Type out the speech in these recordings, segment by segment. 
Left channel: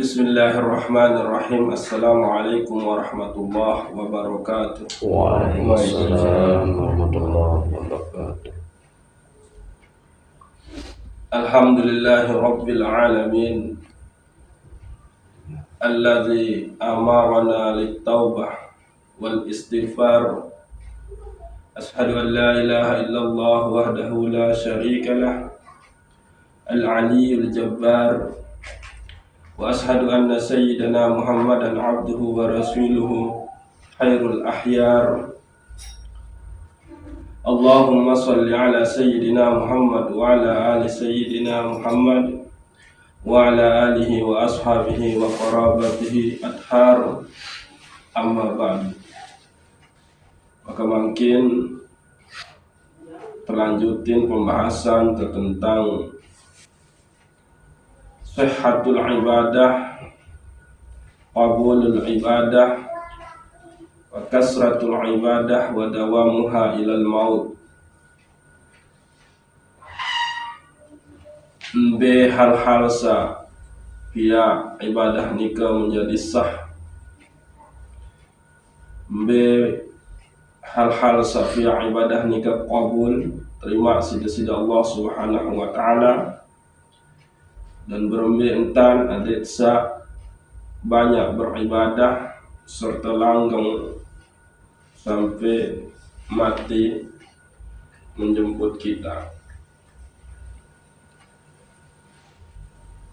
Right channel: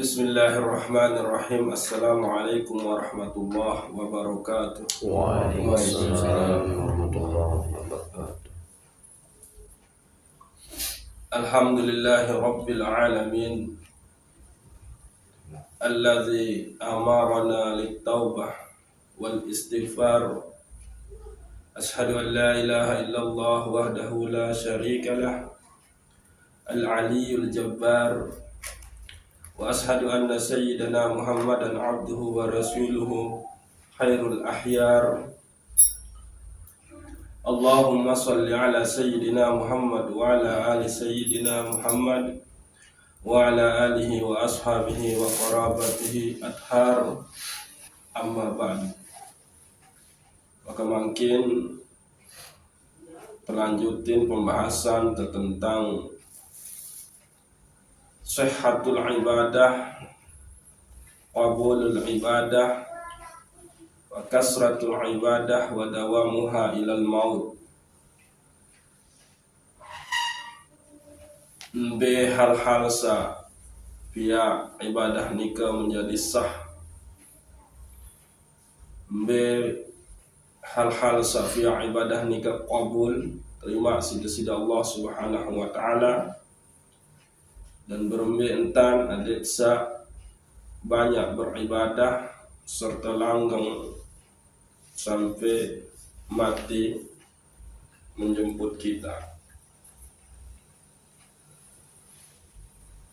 Bismillahirrahmanirrahim. Assalamualaikum warahmatullahi wabarakatuh. Waalaikumsalam warahmatullahi wabarakatuh. Alhamdulillahi rabbil alamin, alladzi amarana lit-taubah wal istighfar. Ashhadu an la ilaha illallah wahdahu la syarika lah, al-aliyyul jabbar. Wa ashhadu anna sayyidana Muhammadan abduhu wa rasuluhu khairul ahyar. Allahumma salli ala sayyidina Muhammad wa ala ali sayyidina Muhammad wa ala alihi wa ashabihi wa qarabatihi athar, amma ba'd. Maka mungkin melanjutin pembahasan tentang sihhatul ibadah, qabulul ibadah, wa kasratul ibadah, wa dawamuha ilal maut. Mbe hal-hal sa pia ibadah nika menjadi sah. Mbe hal-hal sa pia ibadah nika qabul, terima sida-sida Allah Subhanahu wa taala. Dan berembe entan adet sa banyak beribadah serta langgeng sampai mati menjemput kita.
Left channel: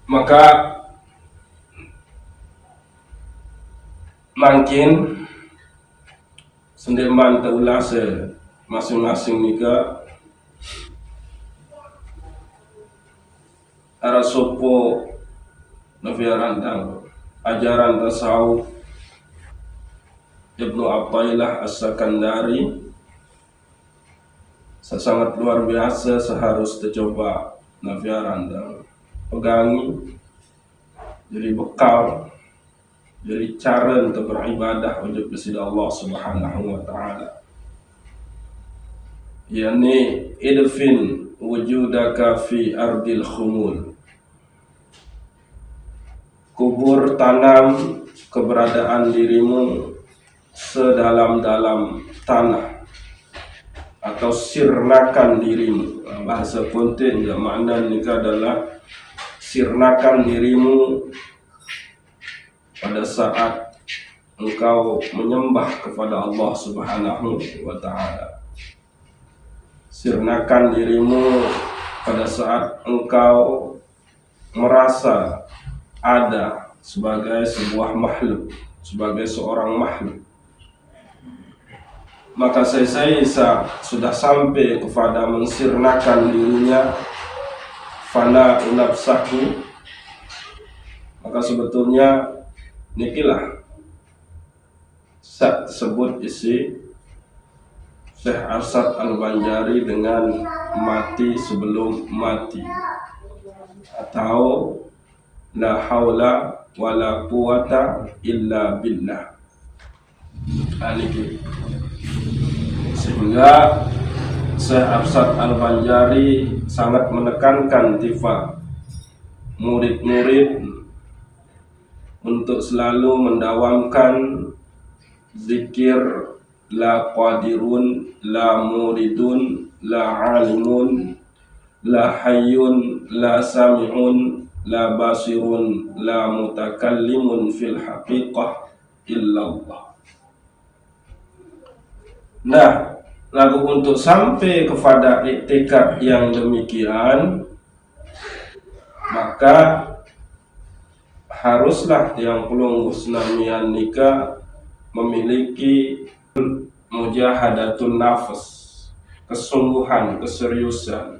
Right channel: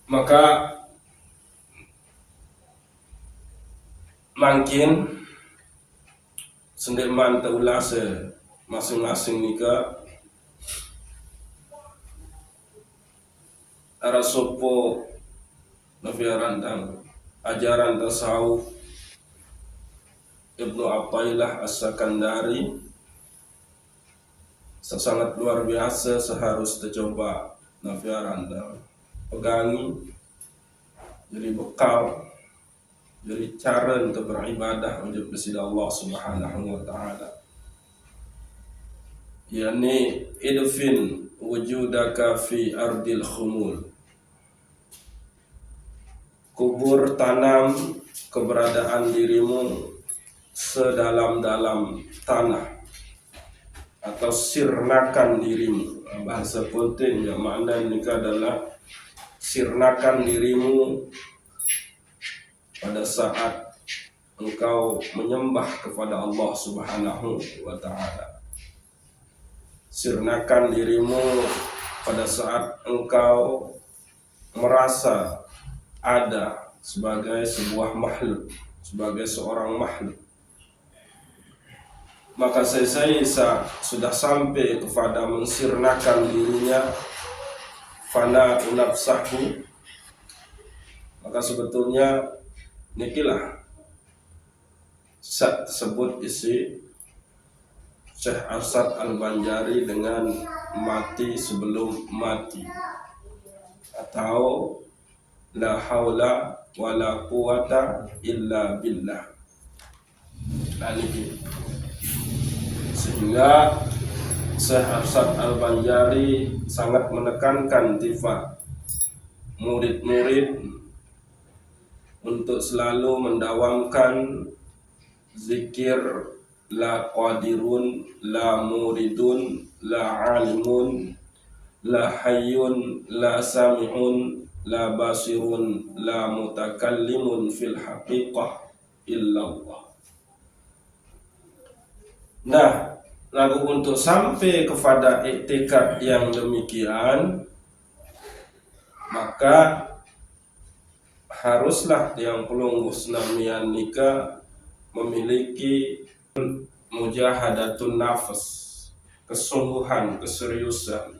Maka mungkin sendeman taulah masing-masing nika ara sopo nafiaran tang ajaran tasawuf Ibnu Athaillah As-Sakandari sangat luar biasa, seharus tercoba nafiaran tang pegangi jadi bekal, jadi cara untuk beribadah wajib kepada Allah Subhanahu wa taala. Yani idfin wujudaka fi ardil khumul. Kubur, tanam keberadaan dirimu sedalam-dalam tanah, atau sirnakan dirimu. Bahasa konten ya, makna nikah adalah sirnakan dirimu pada saat engkau menyembah kepada Allah Subhanahu wa taala. Sirnakan dirimu pada saat engkau merasa ada sebagai sebuah makhluk, sebagai seorang makhluk. Maka saya sudah sampai kepada mensirnakan dirinya, fana nafsahu. Maka sebetulnya nikilah sebut isi Syekh Arsyad Al-Banjari dengan mati sebelum mati, atau la haula wala quwata illa billah. Sehingga Syekh Arsyad Al-Banjari sangat menekankan tifa murid-murid untuk selalu mendawamkan zikir la qadirun, la muridun, la alimun, la hayyun, la sami'un, la basirun, la mutakallimun fil haqiqah illallah. Nah, lagu untuk sampai kepada iktikad yang demikian, maka haruslah yang pelunggu senamian nikah memiliki mujahadatun nafas, kesungguhan, keseriusan.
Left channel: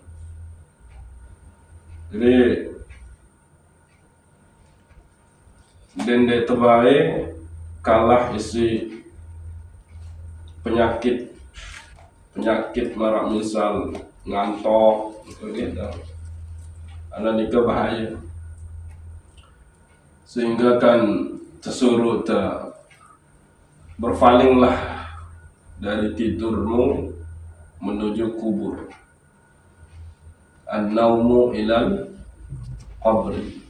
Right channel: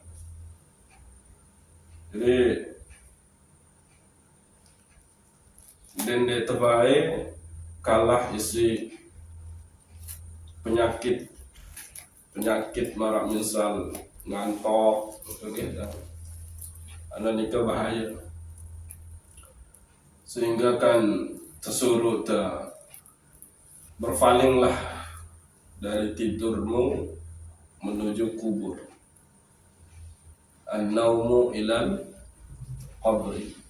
Jadi dende tebae kalah isi penyakit marak, misal ngantok gitu. Ana nikah bahaya. Sehingga kan tersuruh berpalinglah dari tidurmu menuju kubur. An-naumu ilal qabri.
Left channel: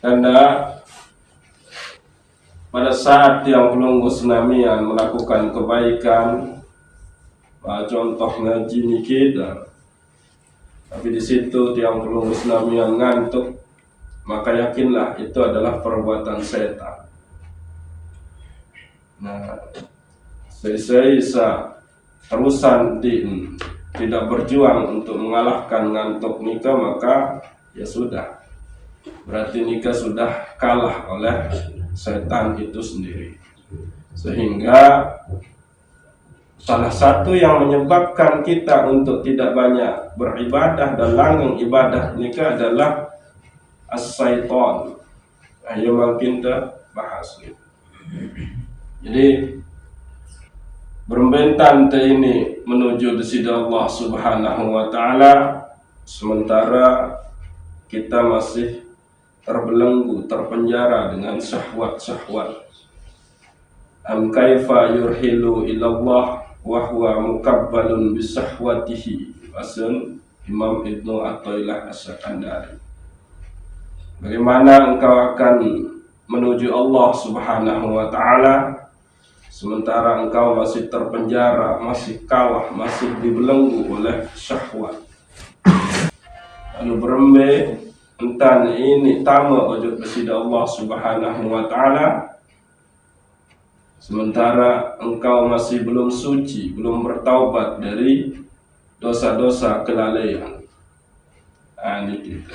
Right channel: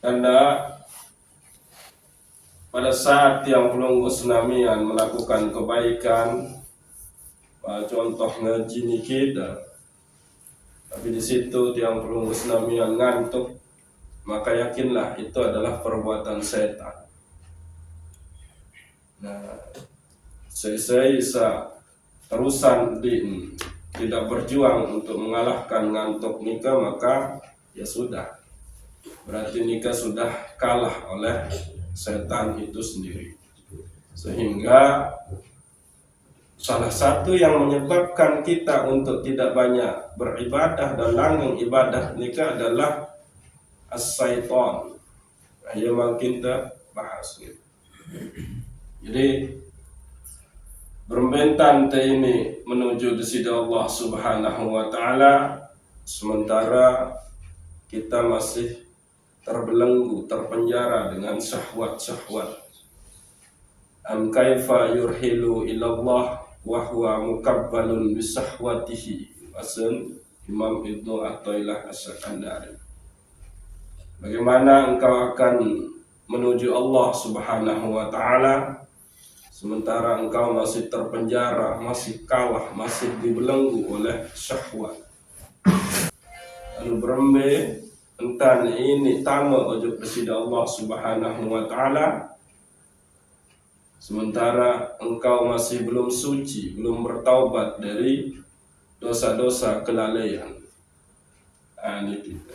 Karena pada saat yang pelunggu senamian melakukan kebaikan, contoh ngaji niki, tapi di situ tiang pelunggu senamian ngantuk, maka yakinlah itu adalah perbuatan setan. Nah, saya terusan tidak berjuang untuk mengalahkan ngantuk nikah, maka ya sudah, berarti nikah sudah kalah oleh setan itu sendiri. Sehingga salah satu yang menyebabkan kita untuk tidak banyak beribadah dan langgeng ibadah nikah adalah as-syaitan. Ayo makin kita bahas. Jadi berbentan ini menuju disida Allah Subhanahu wa taala, sementara kita masih terbelenggu, terpenjara dengan syahwat-syahwat. Am kaifa yurhilu ilallah wa huwa mukabbalun bisahwatihi. Asun Imam Ibnu Athaillah As-Sakandari. Bagaimana engkau akan menuju Allah Subhanahu wa taala sementara engkau masih terpenjara, masih kalah, masih dibelenggu oleh syahwat. Lalu berembe entan ini tama ojo besida Allah Subhanahu wa taala sementara engkau masih belum suci, belum bertaubat dari dosa-dosa kelalaian. Ini kita.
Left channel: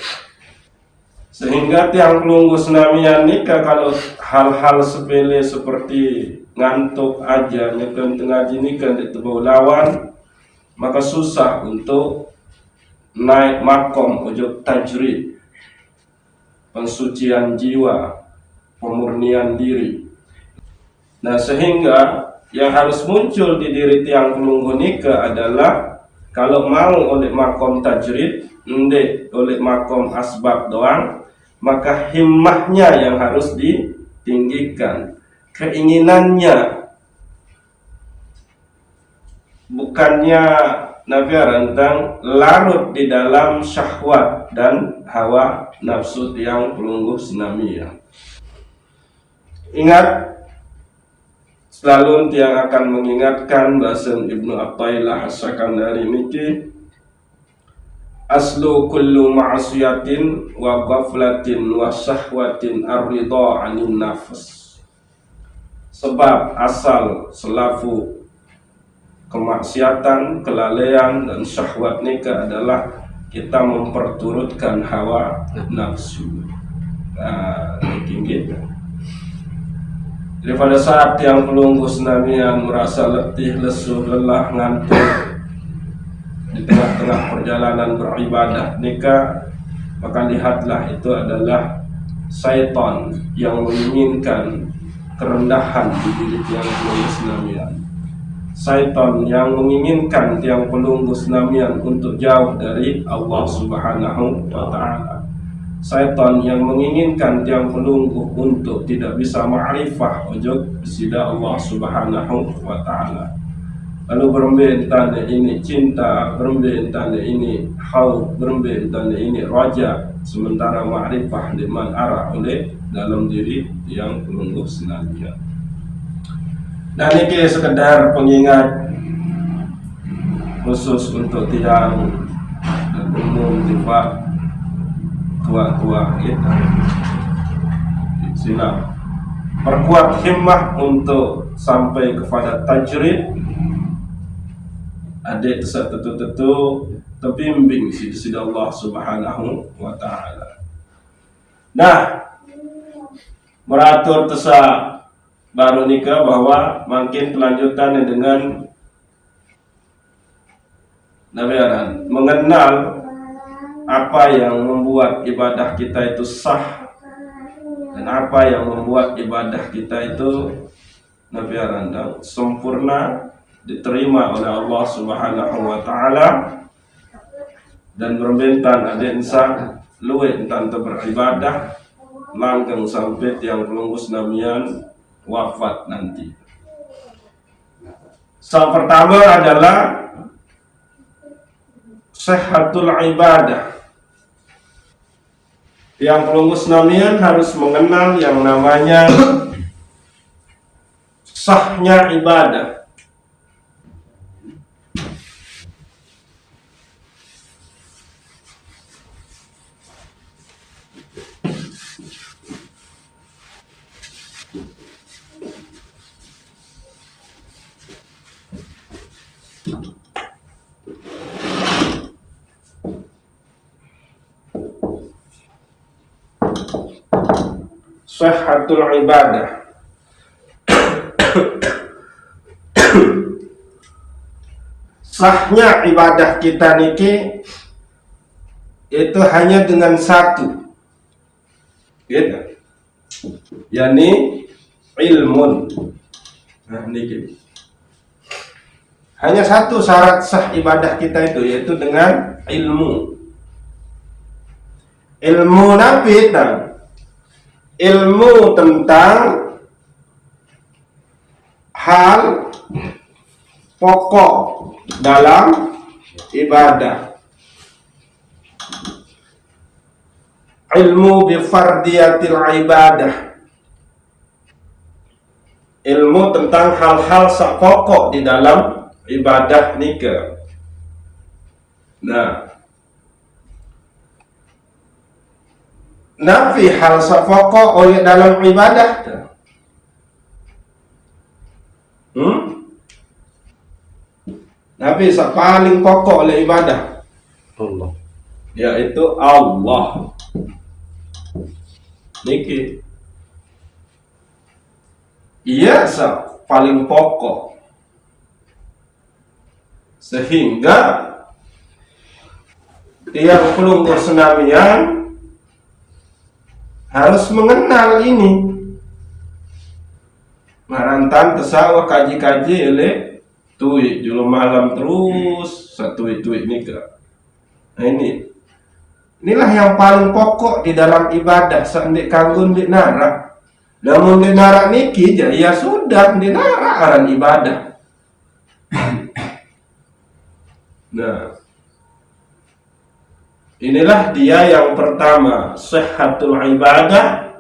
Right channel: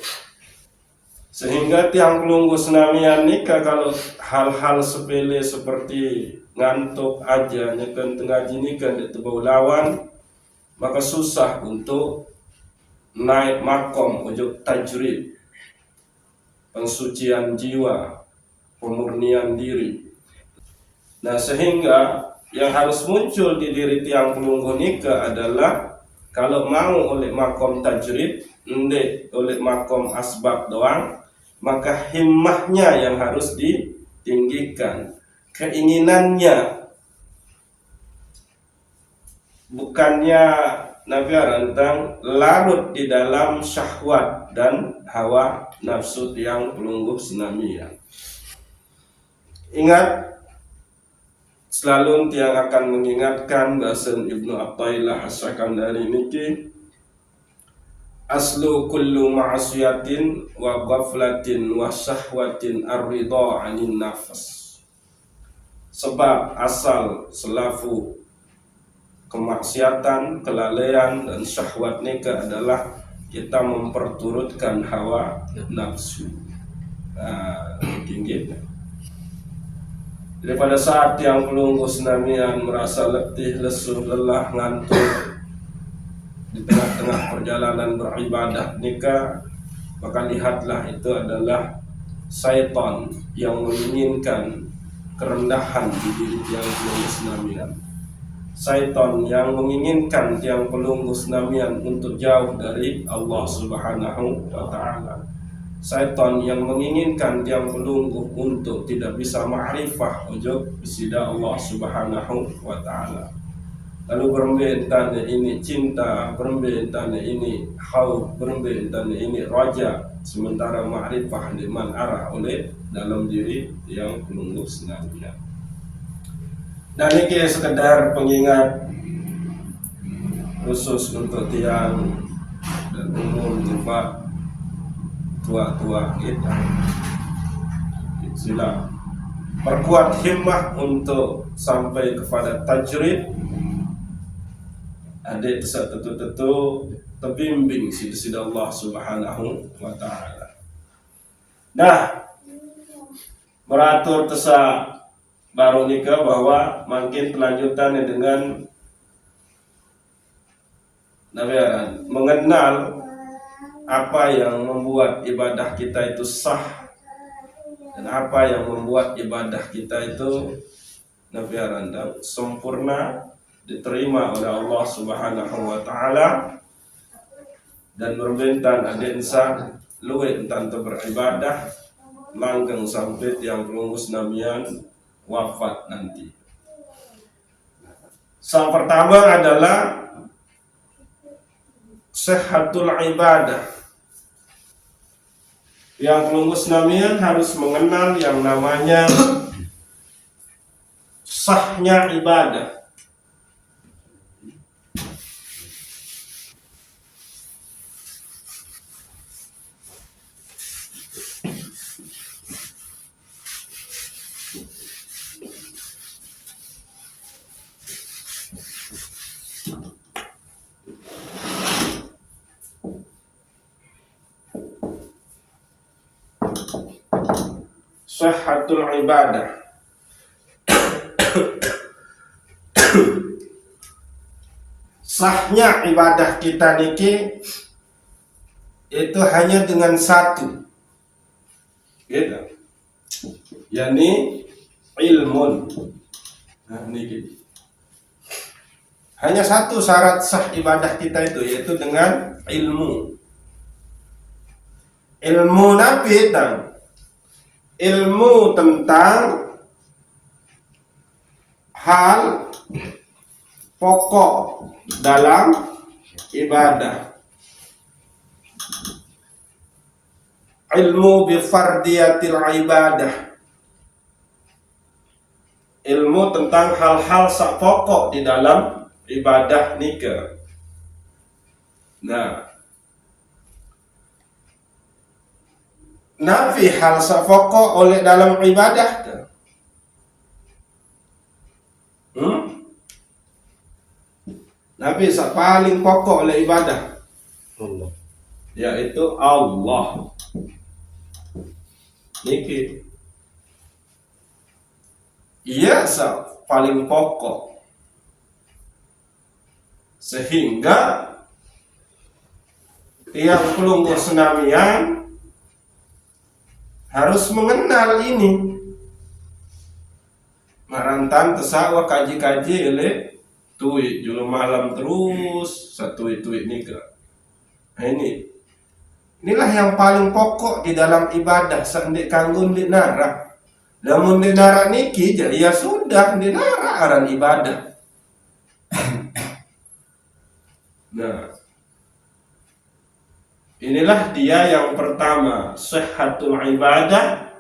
Sehingga tiang pelunggu senamian nikah kalau hal-hal sepele seperti ngantuk aja nyekan tengah jinikan itu bau lawan, maka susah untuk naik makom ujub tajrid, pensucian jiwa, pemurnian diri. Nah, sehingga yang harus muncul di diri tiang pelunggu nikah adalah kalau mau oleh makom tajrid, ndek oleh makom asbab doang, maka himmahnya yang harus ditinggikan, keinginannya, bukannya Nabi rentang larut di dalam syahwat dan hawa nafsu yang pelunggu senamian. Ingat, selalu tiang akan mengingatkan bahasan Ibnu Athaillah As-Sakandari niki, aslu kullu ma'asiyatin wa ghaflatin wa syahwatin ar-ridha 'anin nafs. Sebab asal selafu kemaksiatan, kelalaian dan syahwat nikah adalah kita memperturutkan hawa nafsu. Tinggi. Jadi pada saat yang pelunggu senamian merasa letih, lesu, lelah, ngantuk di tengah-tengah perjalanan beribadah nikah, maka lihatlah itu adalah syaitan yang menginginkan kerendahan di diri tiang pelunggu senamian. Syaitan yang menginginkan tiang pelunggu senamian untuk jauh dari Allah Subhanahu wa taala. Syaitan yang menginginkan tiang pelunggu untuk tidak bisa ma'rifah ujub bisida Allah Subhanahu wa taala. Lalu berembentane ini cinta, berembentane ini haud, berembentane ini raja, sementara ma'rifah liman arah oleh dalam diri yang pelunggu senamian. Nah, ini sekedar pengingat khusus untuk tiang dan umum tiba tua-tua kita. Sila perkuat himmah untuk sampai kepada tajrid. Ada tetu terbimbing sida Allah Subhanahu wa taala. Nah, meratur tesa baru nikah bahwa makin kelanjutan dengan nabiaran mengenal apa yang membuat ibadah kita itu sah dan apa yang membuat ibadah kita itu nabiaran sempurna, diterima oleh Allah Subhanahu wa taala, dan berbentan ada insan luwe tante beribadah langgeng sampai yang pelunggu senamian wafat nanti. Pertama adalah sehatul ibadah, Yang pelunggu senamian harus mengenal yang namanya sahnya ibadah. Sihhatul ibadah. Sahnya ibadah kita niki itu hanya dengan satu, gitu. Yani ilmun. Nah, niki. Hanya satu syarat sah ibadah kita itu, yaitu dengan ilmu. Ilmu nabi dan ilmu tentang hal pokok dalam ibadah. Ilmu bifardiyatil ibadah. Ilmu tentang hal-hal pokok di dalam ibadah nikah. Nah, nafi hal pokok oleh dalam ibadah. Nabi paling pokok oleh ibadah Allah, yaitu Allah. Niki iya paling pokok, sehingga tiap pelunggu senamian harus mengenal ini. Marantan tersawah kaji-kaji oleh tuit julu malam terus satu itu nikah. Nah, inilah yang paling pokok di dalam ibadah. Sandik kanggun di nara, namun di nara niki ya sudah di nara aran ibadah. Nah, inilah dia yang pertama, sihhatul ibadah.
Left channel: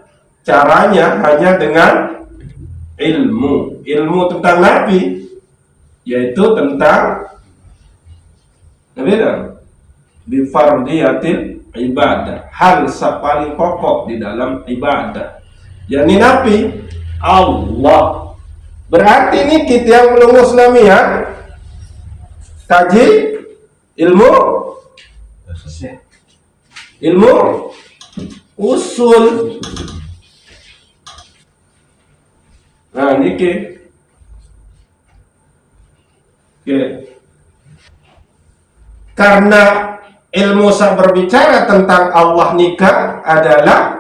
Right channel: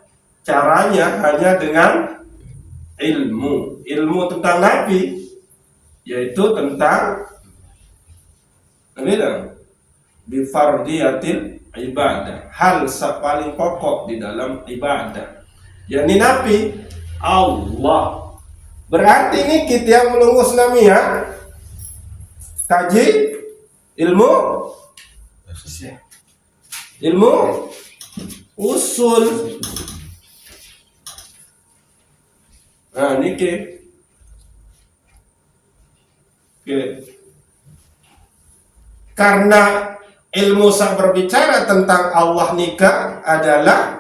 Caranya hanya dengan ilmu tentang Nabi, yaitu tentang Nabi dan bifardiyatil ibadah, hal paling pokok di dalam ibadah, yakni Nabi Allah. Berarti ini kita yang belum senamian kaji ilmu usul. Nah, niki karena ilmu berbicara tentang Allah nikah adalah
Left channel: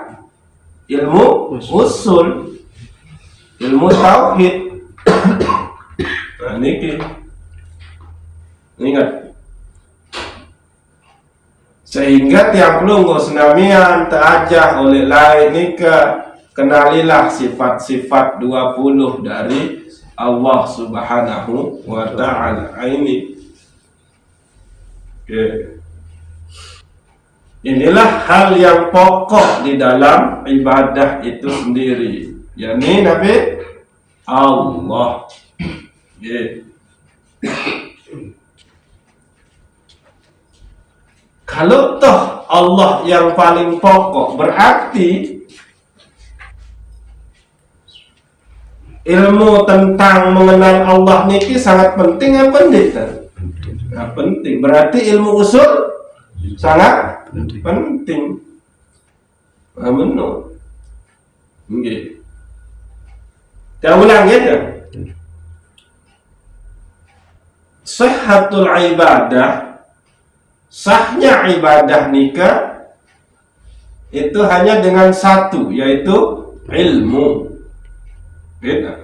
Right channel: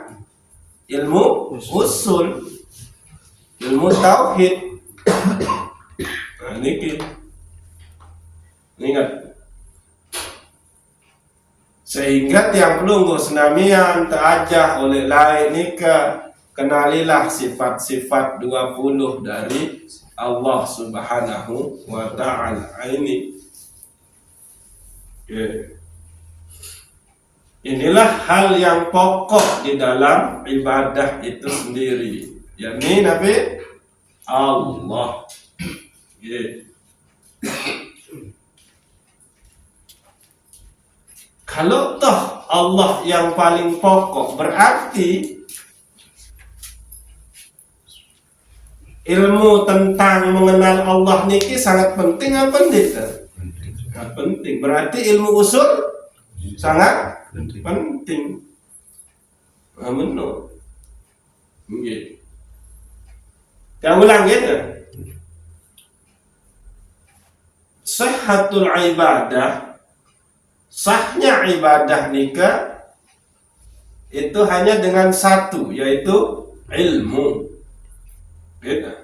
ilmu usul, ilmu tauhid. Nah, niki ingat, sehingga tiap pelunggu senamian terajah oleh lain nikah, kenalilah sifat-sifat 20 dari Allah Subhanahu wa ta'ala. Ini inilah hal yang pokok di dalam ibadah itu sendiri, yakni Nabi Allah. Kalau toh Allah yang paling pokok, berarti ilmu tentang mengenal Allah niki sangat penting apa tidak? Nah, penting. Berarti ilmu usul sangat penting. Menurut nggih. Kita ulang ya. Sihhatul ibadah, sahnya ibadah nikah itu hanya dengan satu, yaitu ilmu. Beda.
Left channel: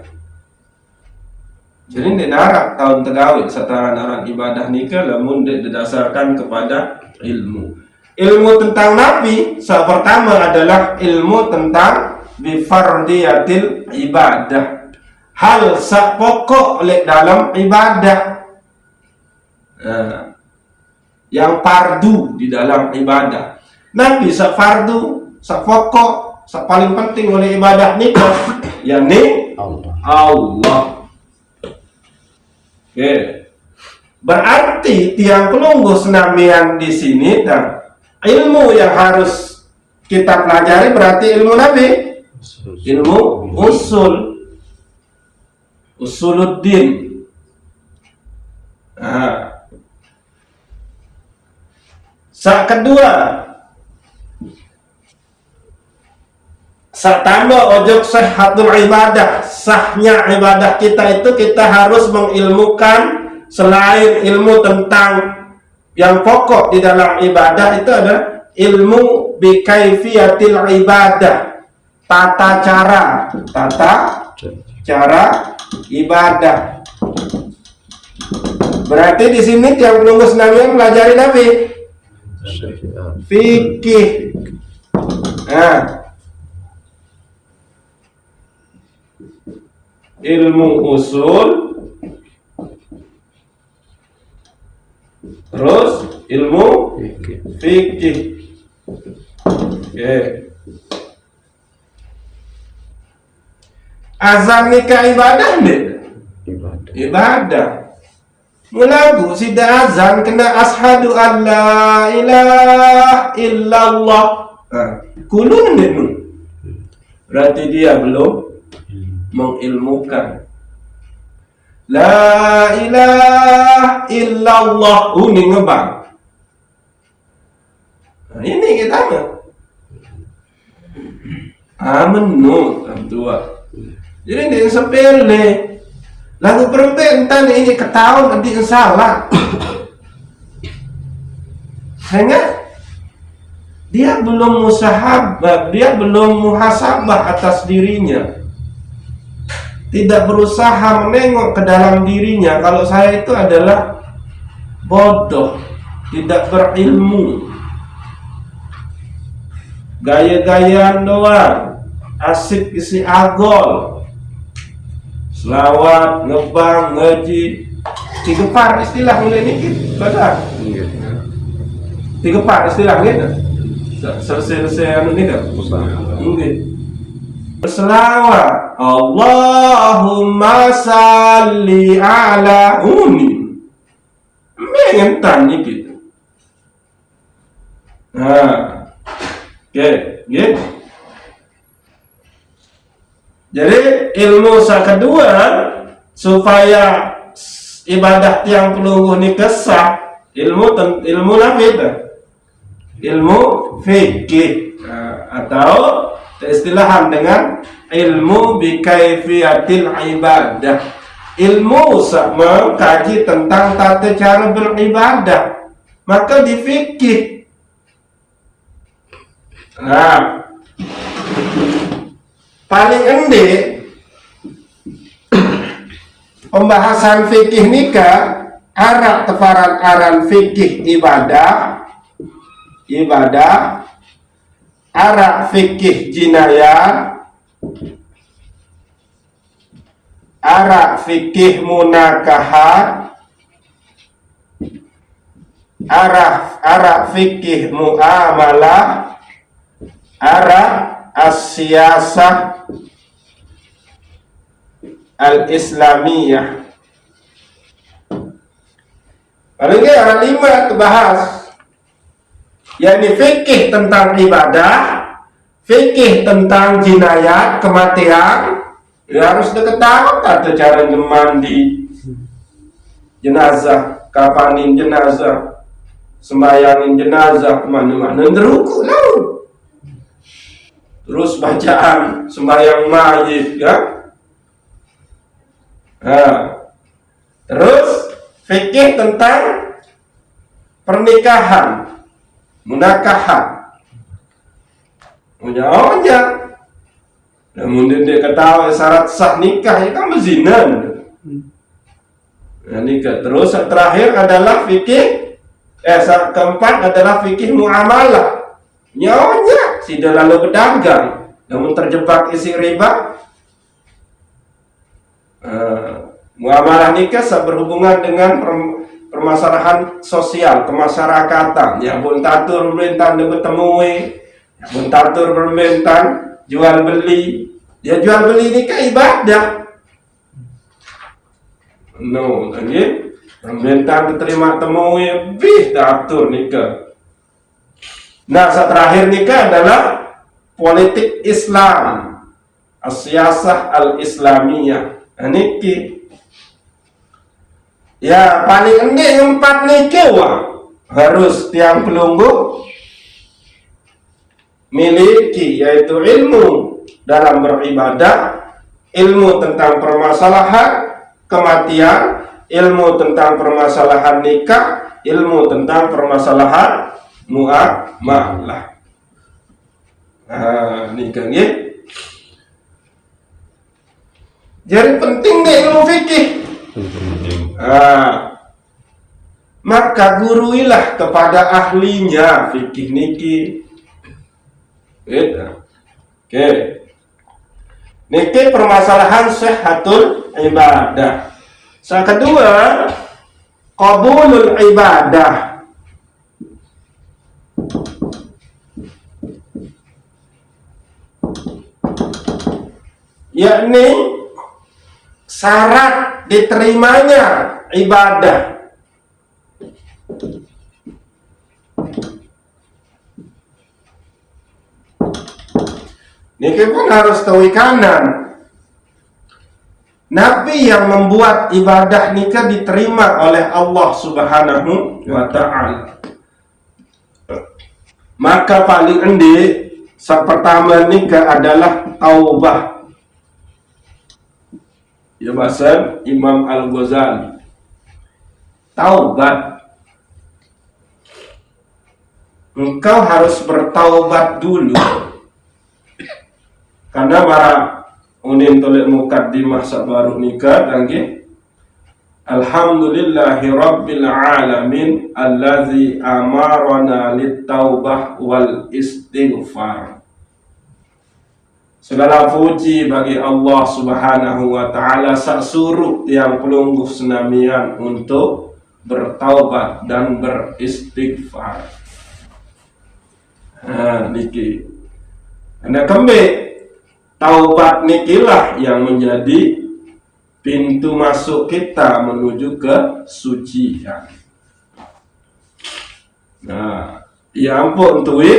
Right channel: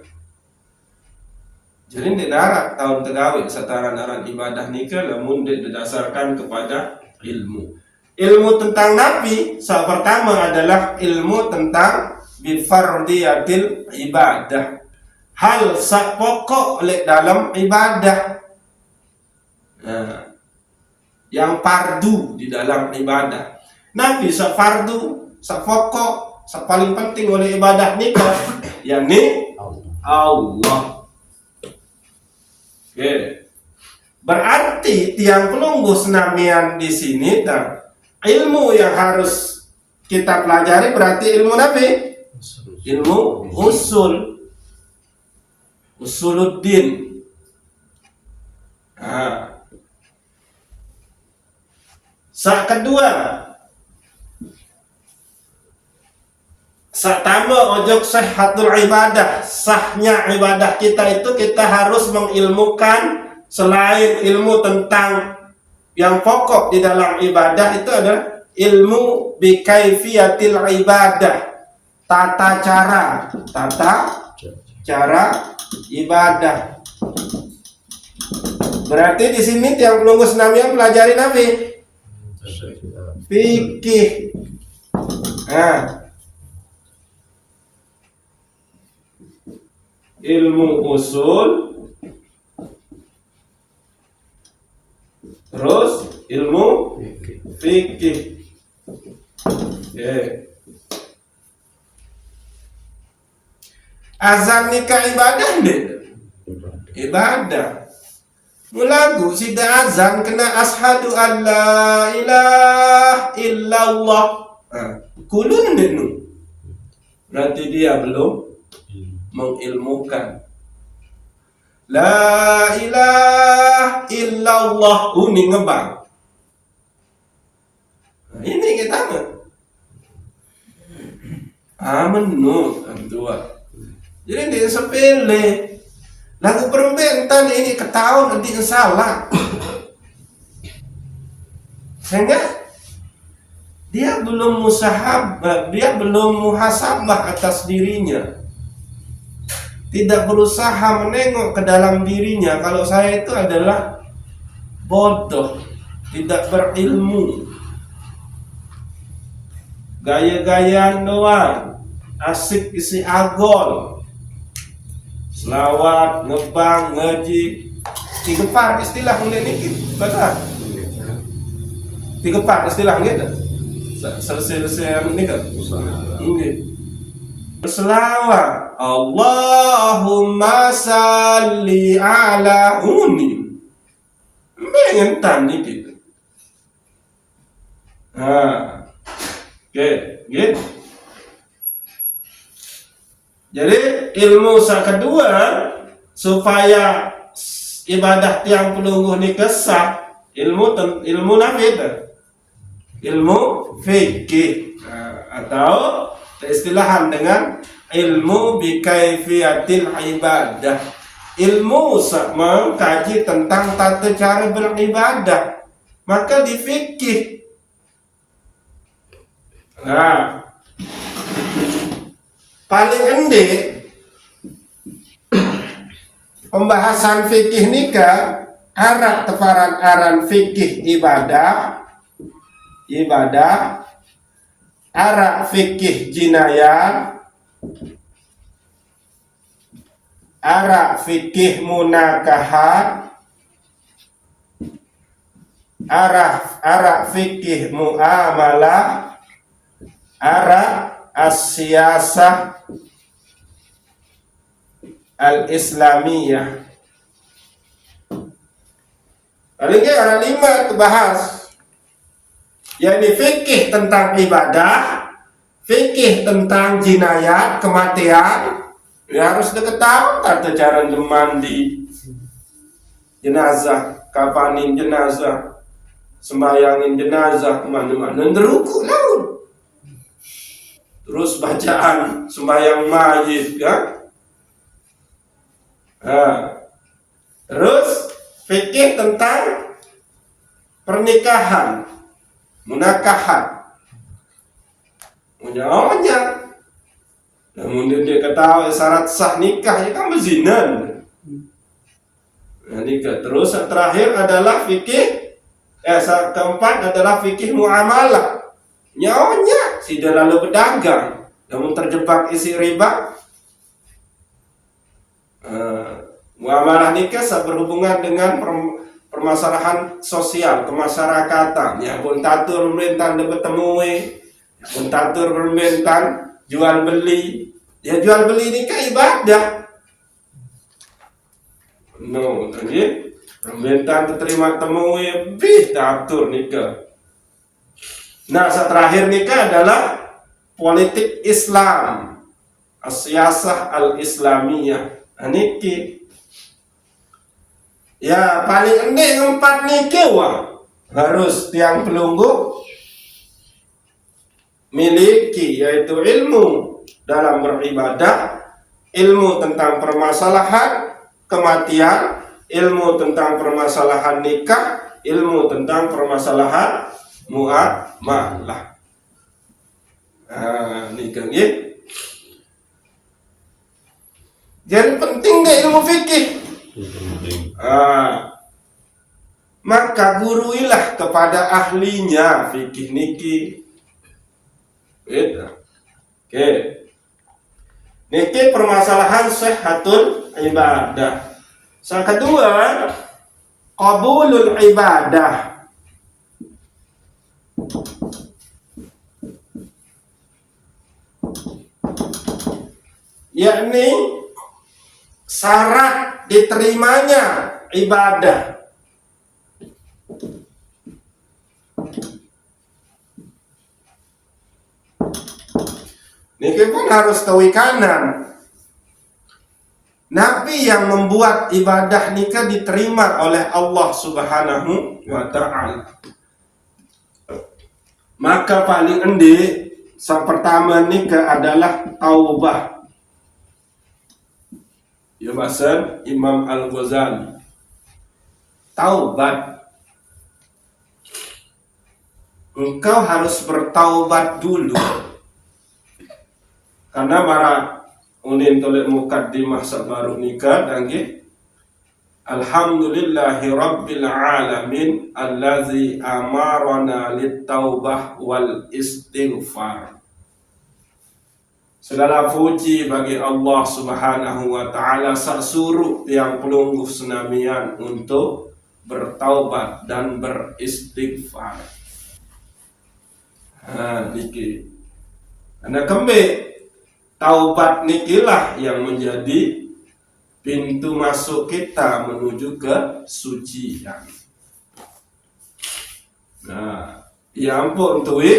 Jadi di narak tahun tegawik setara ibadah nikah namun didasarkan kepada ilmu. Ilmu tentang Nabi pertama adalah ilmu tentang bifardiyatil ibadah, hal pokok oleh dalam ibadah. Nah, yang fardu di dalam ibadah. Nabi fardu sak pokok, sak paling penting oleh ibadah nikah, yakni Allah. Allah. Oke. Berarti tiang pelunggu senamian di sini dan ilmu yang harus kita pelajari berarti ilmu Nabi, ilmu usuluddin. Nah, kedua, tambah ojok sahhatul ibadah, sahnya ibadah kita itu kita harus mengilmukan selain ilmu tentang yang pokok di dalam ibadah itu adalah ilmu bikaifiyatil ibadah, tata cara ibadah. Berarti di sini tiang penunggu senamian pelajari Nabi fikih. Nah, ilmu usul, terus ilmu fikih. Oke. Azan nikah ibadah deh. Ibadah. Mulagu sida azan kena ashadu an la ilaha illallah. Kulun deh. Berarti dia belum mengilmukan. La ilaha illallah. Ini ngebang. Nah, ini kita mah. Amenu dua. Jadi dia sepele. Lagu perempuan entah ini ketahuan nanti salah. Sehingga dia belum musahabah, dia belum muhasabah atas dirinya. Tidak berusaha menengok ke dalam dirinya. Kalau saya itu adalah bodoh, tidak berilmu, gaya-gayaan doang, asik isi agol, selawat, ngebang, ngaji, tigepar istilah mulai ini benar. Tigepar istilah ini kan. Selesai anu ini kan. Mungkin. Berselawat, Allahumma salli ala uni. Mengentan ni gitu. Nah, oke, gitu. Jadi ilmu kedua supaya ibadah tiang pelunggu ini kesah, ilmu Nabi itu, ilmu fikih, atau istilahan dengan ilmu bikaifiyatil ibadah, ilmu mengkaji tentang tata cara beribadah, maka di fikih. Nah, paling endek pembahasan fikih nikah arak tefaran aran fikih ibadah, arak fikih jinayah, arak fikih munakahat, arak fikih muamalah, arak as-siyasah al-islamiyah. Paling ada 5 terbahas, yakni fikih tentang ibadah, fikih tentang jinayat, kematian. Ya harus diketahui tata cara mandi jenazah, kafanin jenazah, sembayangin jenazah, mana-mana ngeruku lah. Terus bacaan sembahyang mayit, ya. Nah, terus fikih tentang pernikahan, munakahan, punya. Namun dia ketahui syarat sah nikah ya kan berzina. Nah, nikah. Terus terakhir adalah fikih, keempat adalah fikih muamalah. Nyonya sudah lalu berdagang, namun terjebak isi riba. Muamalah nikah berhubungan dengan permasalahan sosial, kemasyarakatan. Ya pun tatur pemerintah bertemu, Mentatur permentan, jual beli. Ya jual beli ini kan ibadah. No, tadi permentan diterima temu lebih tatur nikah. Nah, terakhir nikah adalah politik Islam, as-siyasah al-islamiyah. Niki. Ya paling enggak 4 niki harus tiang pelunggu miliki, yaitu ilmu dalam beribadah, ilmu tentang permasalahan kematian, ilmu tentang permasalahan nikah, ilmu tentang permasalahan muamalah. Nah, nikah ya. Jadi penting deh ilmu fikih. Nah, maka guruilah kepada ahlinya fikih niki. Oke. Niki permasalahan sihhatul ibadah. Yang kedua, qabulul ibadah. Yakni syarat diterimanya ibadah. Niki pun harus tahu kanan. Nabi yang membuat ibadah nikah diterima oleh Allah Subhanahu wa ta'ala. Maka paling endi pertama nikah adalah taubah. Ya bahasa Imam Al-Ghazali. Taubat. Engkau harus bertaubat dulu. Karena para unin tolek mukaddimah sabaru nikah lagi. Alhamdulillahi Rabbil Alamin allazi amarana littaubah wal istighfar. Segala puji bagi Allah Subhanahu wa ta'ala sak suruh yang pelungguh senamian untuk bertaubat dan beristighfar. Niki. Karena kembali taubat nikilah yang menjadi pintu masuk kita menuju ke sucian. Nah, ya ampun tuwi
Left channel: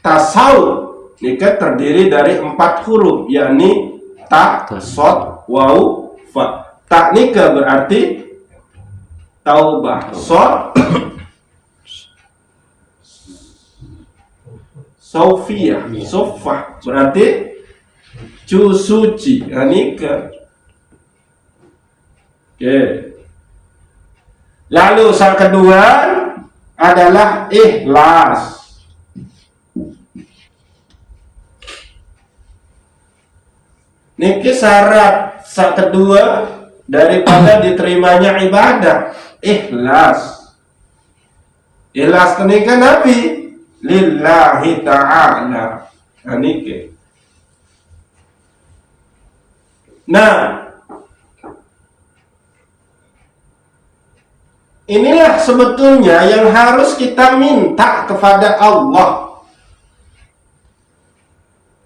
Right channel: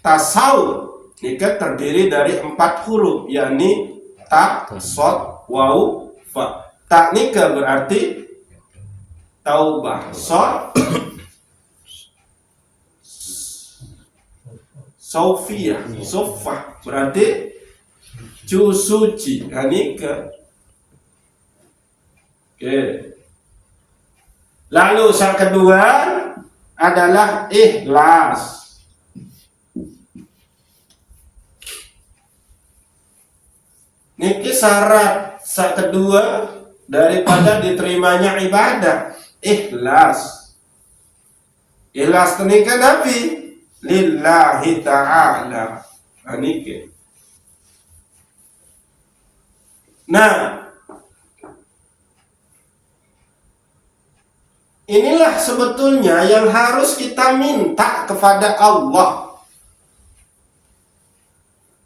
tasawuf nikah terdiri dari 4 huruf, yakni ta, sod, waw, fa. Ta nikah berarti taubah, sod Sofia, sofah berarti suci, nikah. Oke. Lalu yang kedua adalah ikhlas. Niki syarat yang kedua daripada diterimanya ibadah, ikhlas. Ikhlas nikah Nabi lillahi ta'ala. Niki. Nah, inilah sebetulnya yang harus kita minta kepada Allah.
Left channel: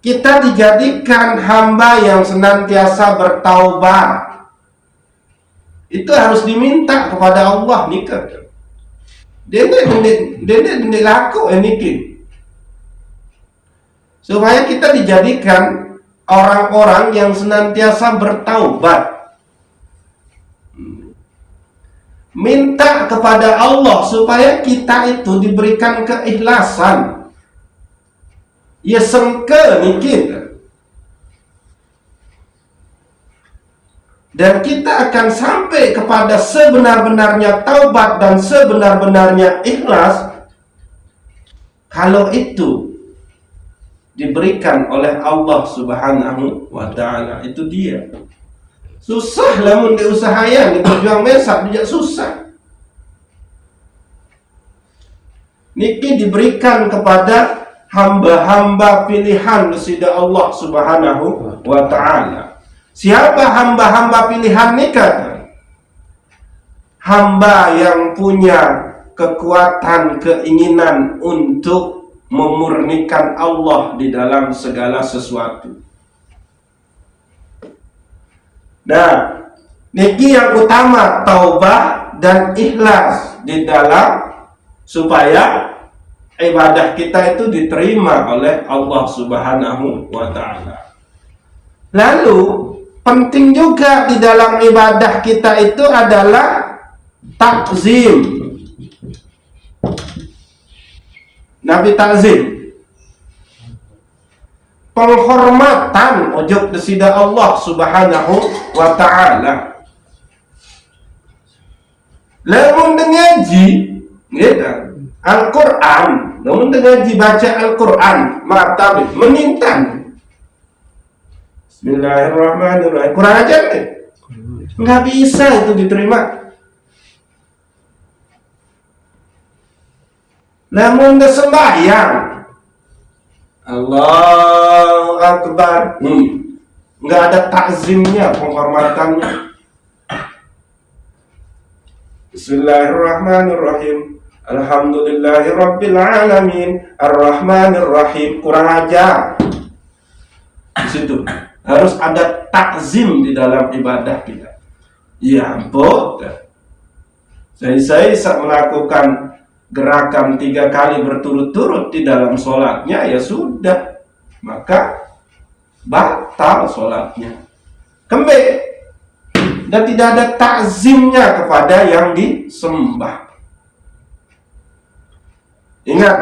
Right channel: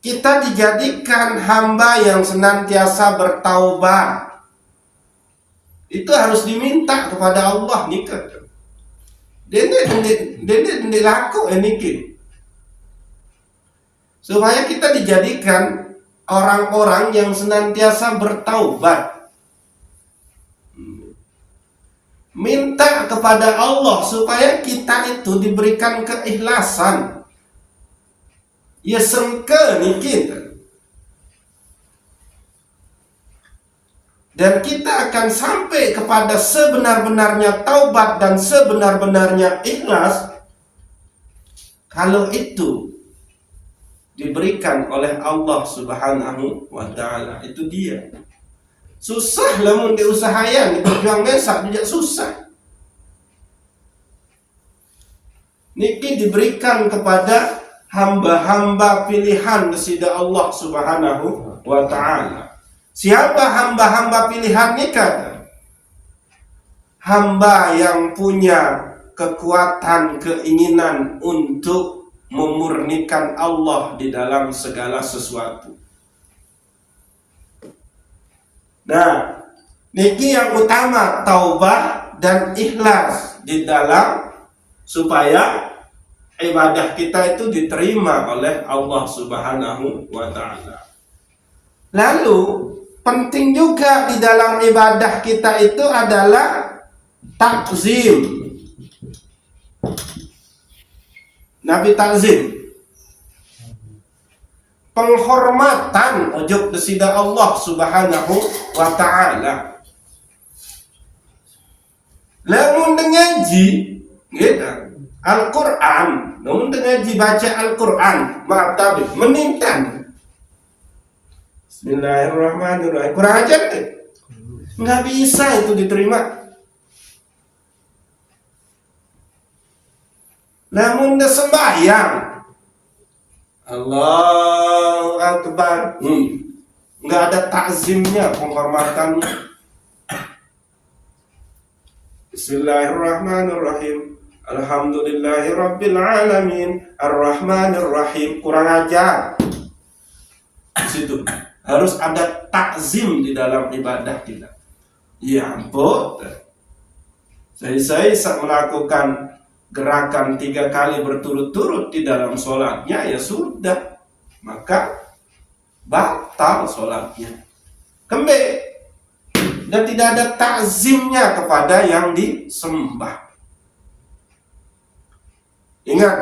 Kita dijadikan hamba yang senantiasa bertaubat. Itu harus diminta kepada Allah nikah. Dia laku niki. Supaya kita dijadikan orang-orang yang senantiasa bertaubat. Minta kepada Allah supaya kita itu diberikan keikhlasan. Ya sengke niki. Dan kita akan sampai kepada sebenar-benarnya taubat dan sebenar-benarnya ikhlas kalau itu diberikan oleh Allah Subhanahu wa ta'ala. Itu dia. Susah lah mun diusahayan, berjuang mesak juga susah. Niki diberikan kepada hamba-hamba pilihan dari Allah Subhanahu wa ta'ala. Siapa hamba-hamba pilihan nikah? Hamba yang punya kekuatan keinginan untuk memurnikan Allah di dalam segala sesuatu. Nah, niki yang utama taubah dan ikhlas di dalam supaya ibadah kita itu diterima oleh Allah Subhanahu wa taala. Lalu penting juga di dalam ibadah kita itu adalah takzim. Nabi takzim, penghormatan ujug desida Allah Subhanahu wa taala. Lamun dengaji Al-Quran, namun dengaji baca Al-Quran, mata menintan. Bismillahirrahmanirrahim. Kurang ajar nih, nggak bisa itu diterima. Namun dah sembahyang, Allahu Akbar, nggak ada takzimnya, penghormatannya. Bismillahirrahmanirrahim. Alhamdulillahirabbil alamin, arrahmanirrahim. Kurang ajar. Di situ harus ada takzim di dalam ibadah kita. Ya ampun. Saya melakukan gerakan 3 kali berturut-turut di dalam sholatnya, ya sudah, maka batal sholatnya, kembali, dan tidak ada takzimnya kepada yang disembah. Ingat,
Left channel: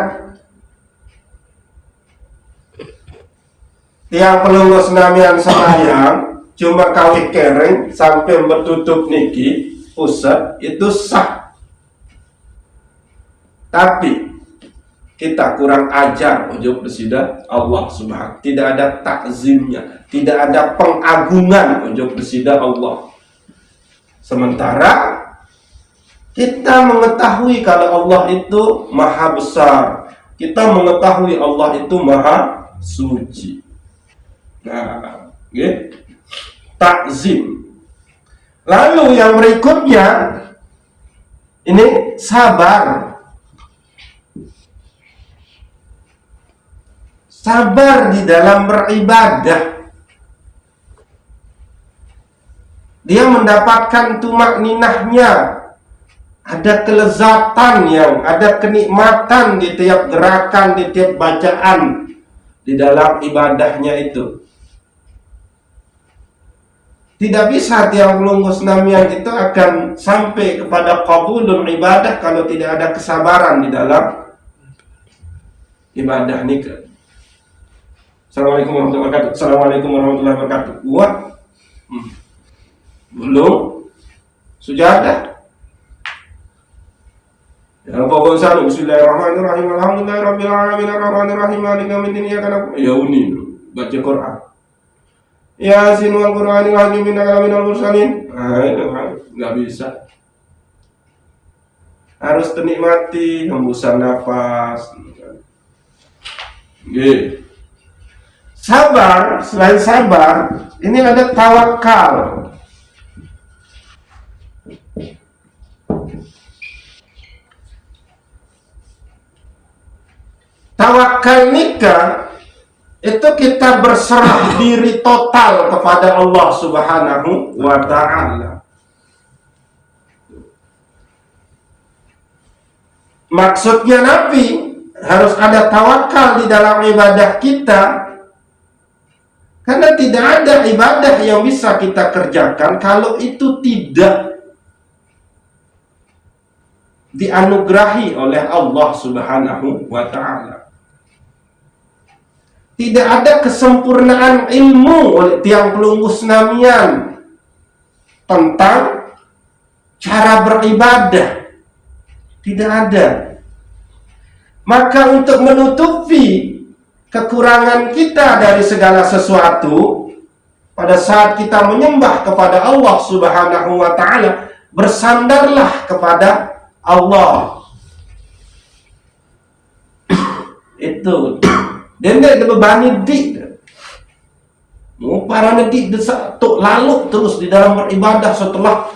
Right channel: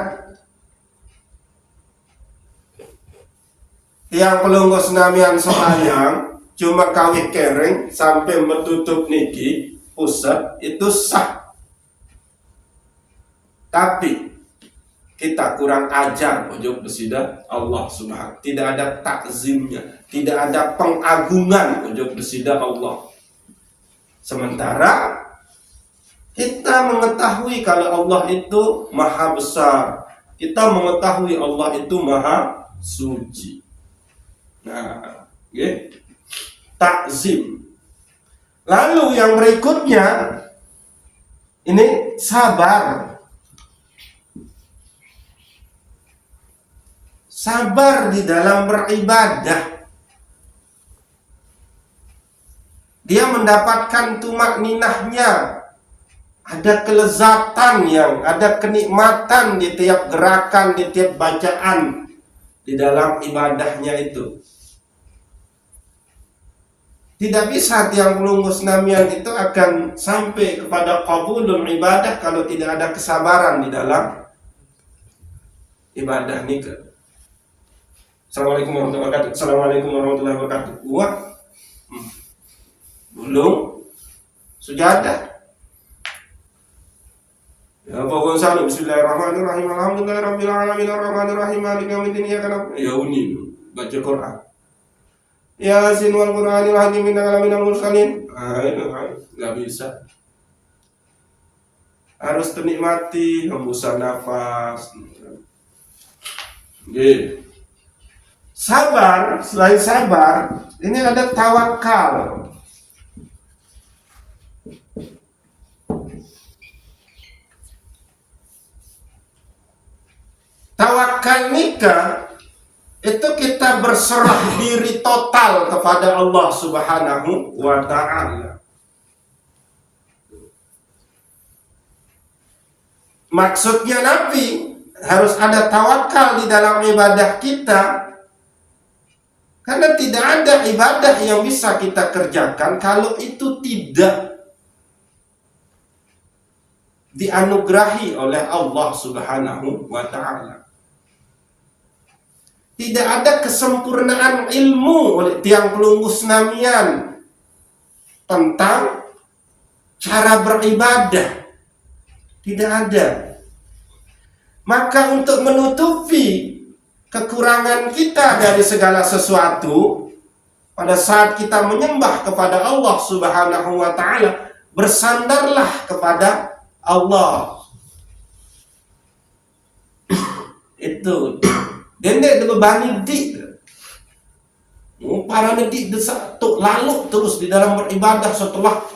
tiang pelunggu senamian sembahyang cuma kawih kereng sampai bertutup niki pusat itu sah. Tapi kita kurang ajar ujug desida Allah Subhanahu. Tidak ada takzimnya, tidak ada pengagungan ujug desida Allah. Sementara kita mengetahui kalau Allah itu maha besar, kita mengetahui Allah itu maha suci. Nah, takzim. Lalu yang berikutnya ini sabar. Sabar di dalam beribadah. Dia mendapatkan tumak ninahnya. Ada kelezatan ada kenikmatan di tiap gerakan, di tiap bacaan di dalam ibadahnya itu. Tidak bisa tiang pelunggu senamian itu akan sampai kepada qabulun ibadah kalau tidak ada kesabaran di dalam ibadah nikah. Assalamualaikum warahmatullahi wabarakatuh. Assalamualaikum warahmatullahi wabarakatuh. Wah, belum sujadah. Ya pokok salam. Bismillahirrahmanirrahim. Alhamdulillahirabbil alamin arrahmanirrahim maliki yaumiddin iyyaka na'budu. Ya uni baca Quran. Yasin wal Qur'anil hakim innaka laminal mursalin. Nggak bisa. Harus menikmati hembusan nafas. Sabar, selain sabar, ini ada tawakal. Tawakal nikah itu kita berserah diri total kepada Allah Subhanahu wa ta'ala. Maksudnya Nabi harus ada tawakal di dalam ibadah kita, karena tidak ada ibadah yang bisa kita kerjakan kalau itu tidak dianugerahi oleh Allah Subhanahu wa ta'ala. Tidak ada kesempurnaan ilmu oleh tiang pelunggu senamian tentang cara beribadah. Tidak ada. Maka untuk menutupi kekurangan kita dari segala sesuatu, pada saat kita menyembah kepada Allah Subhanahu wa ta'ala, bersandarlah kepada Allah. Itu dan dia bebani dik. Para nedik desak tok lalu terus di dalam beribadah setelah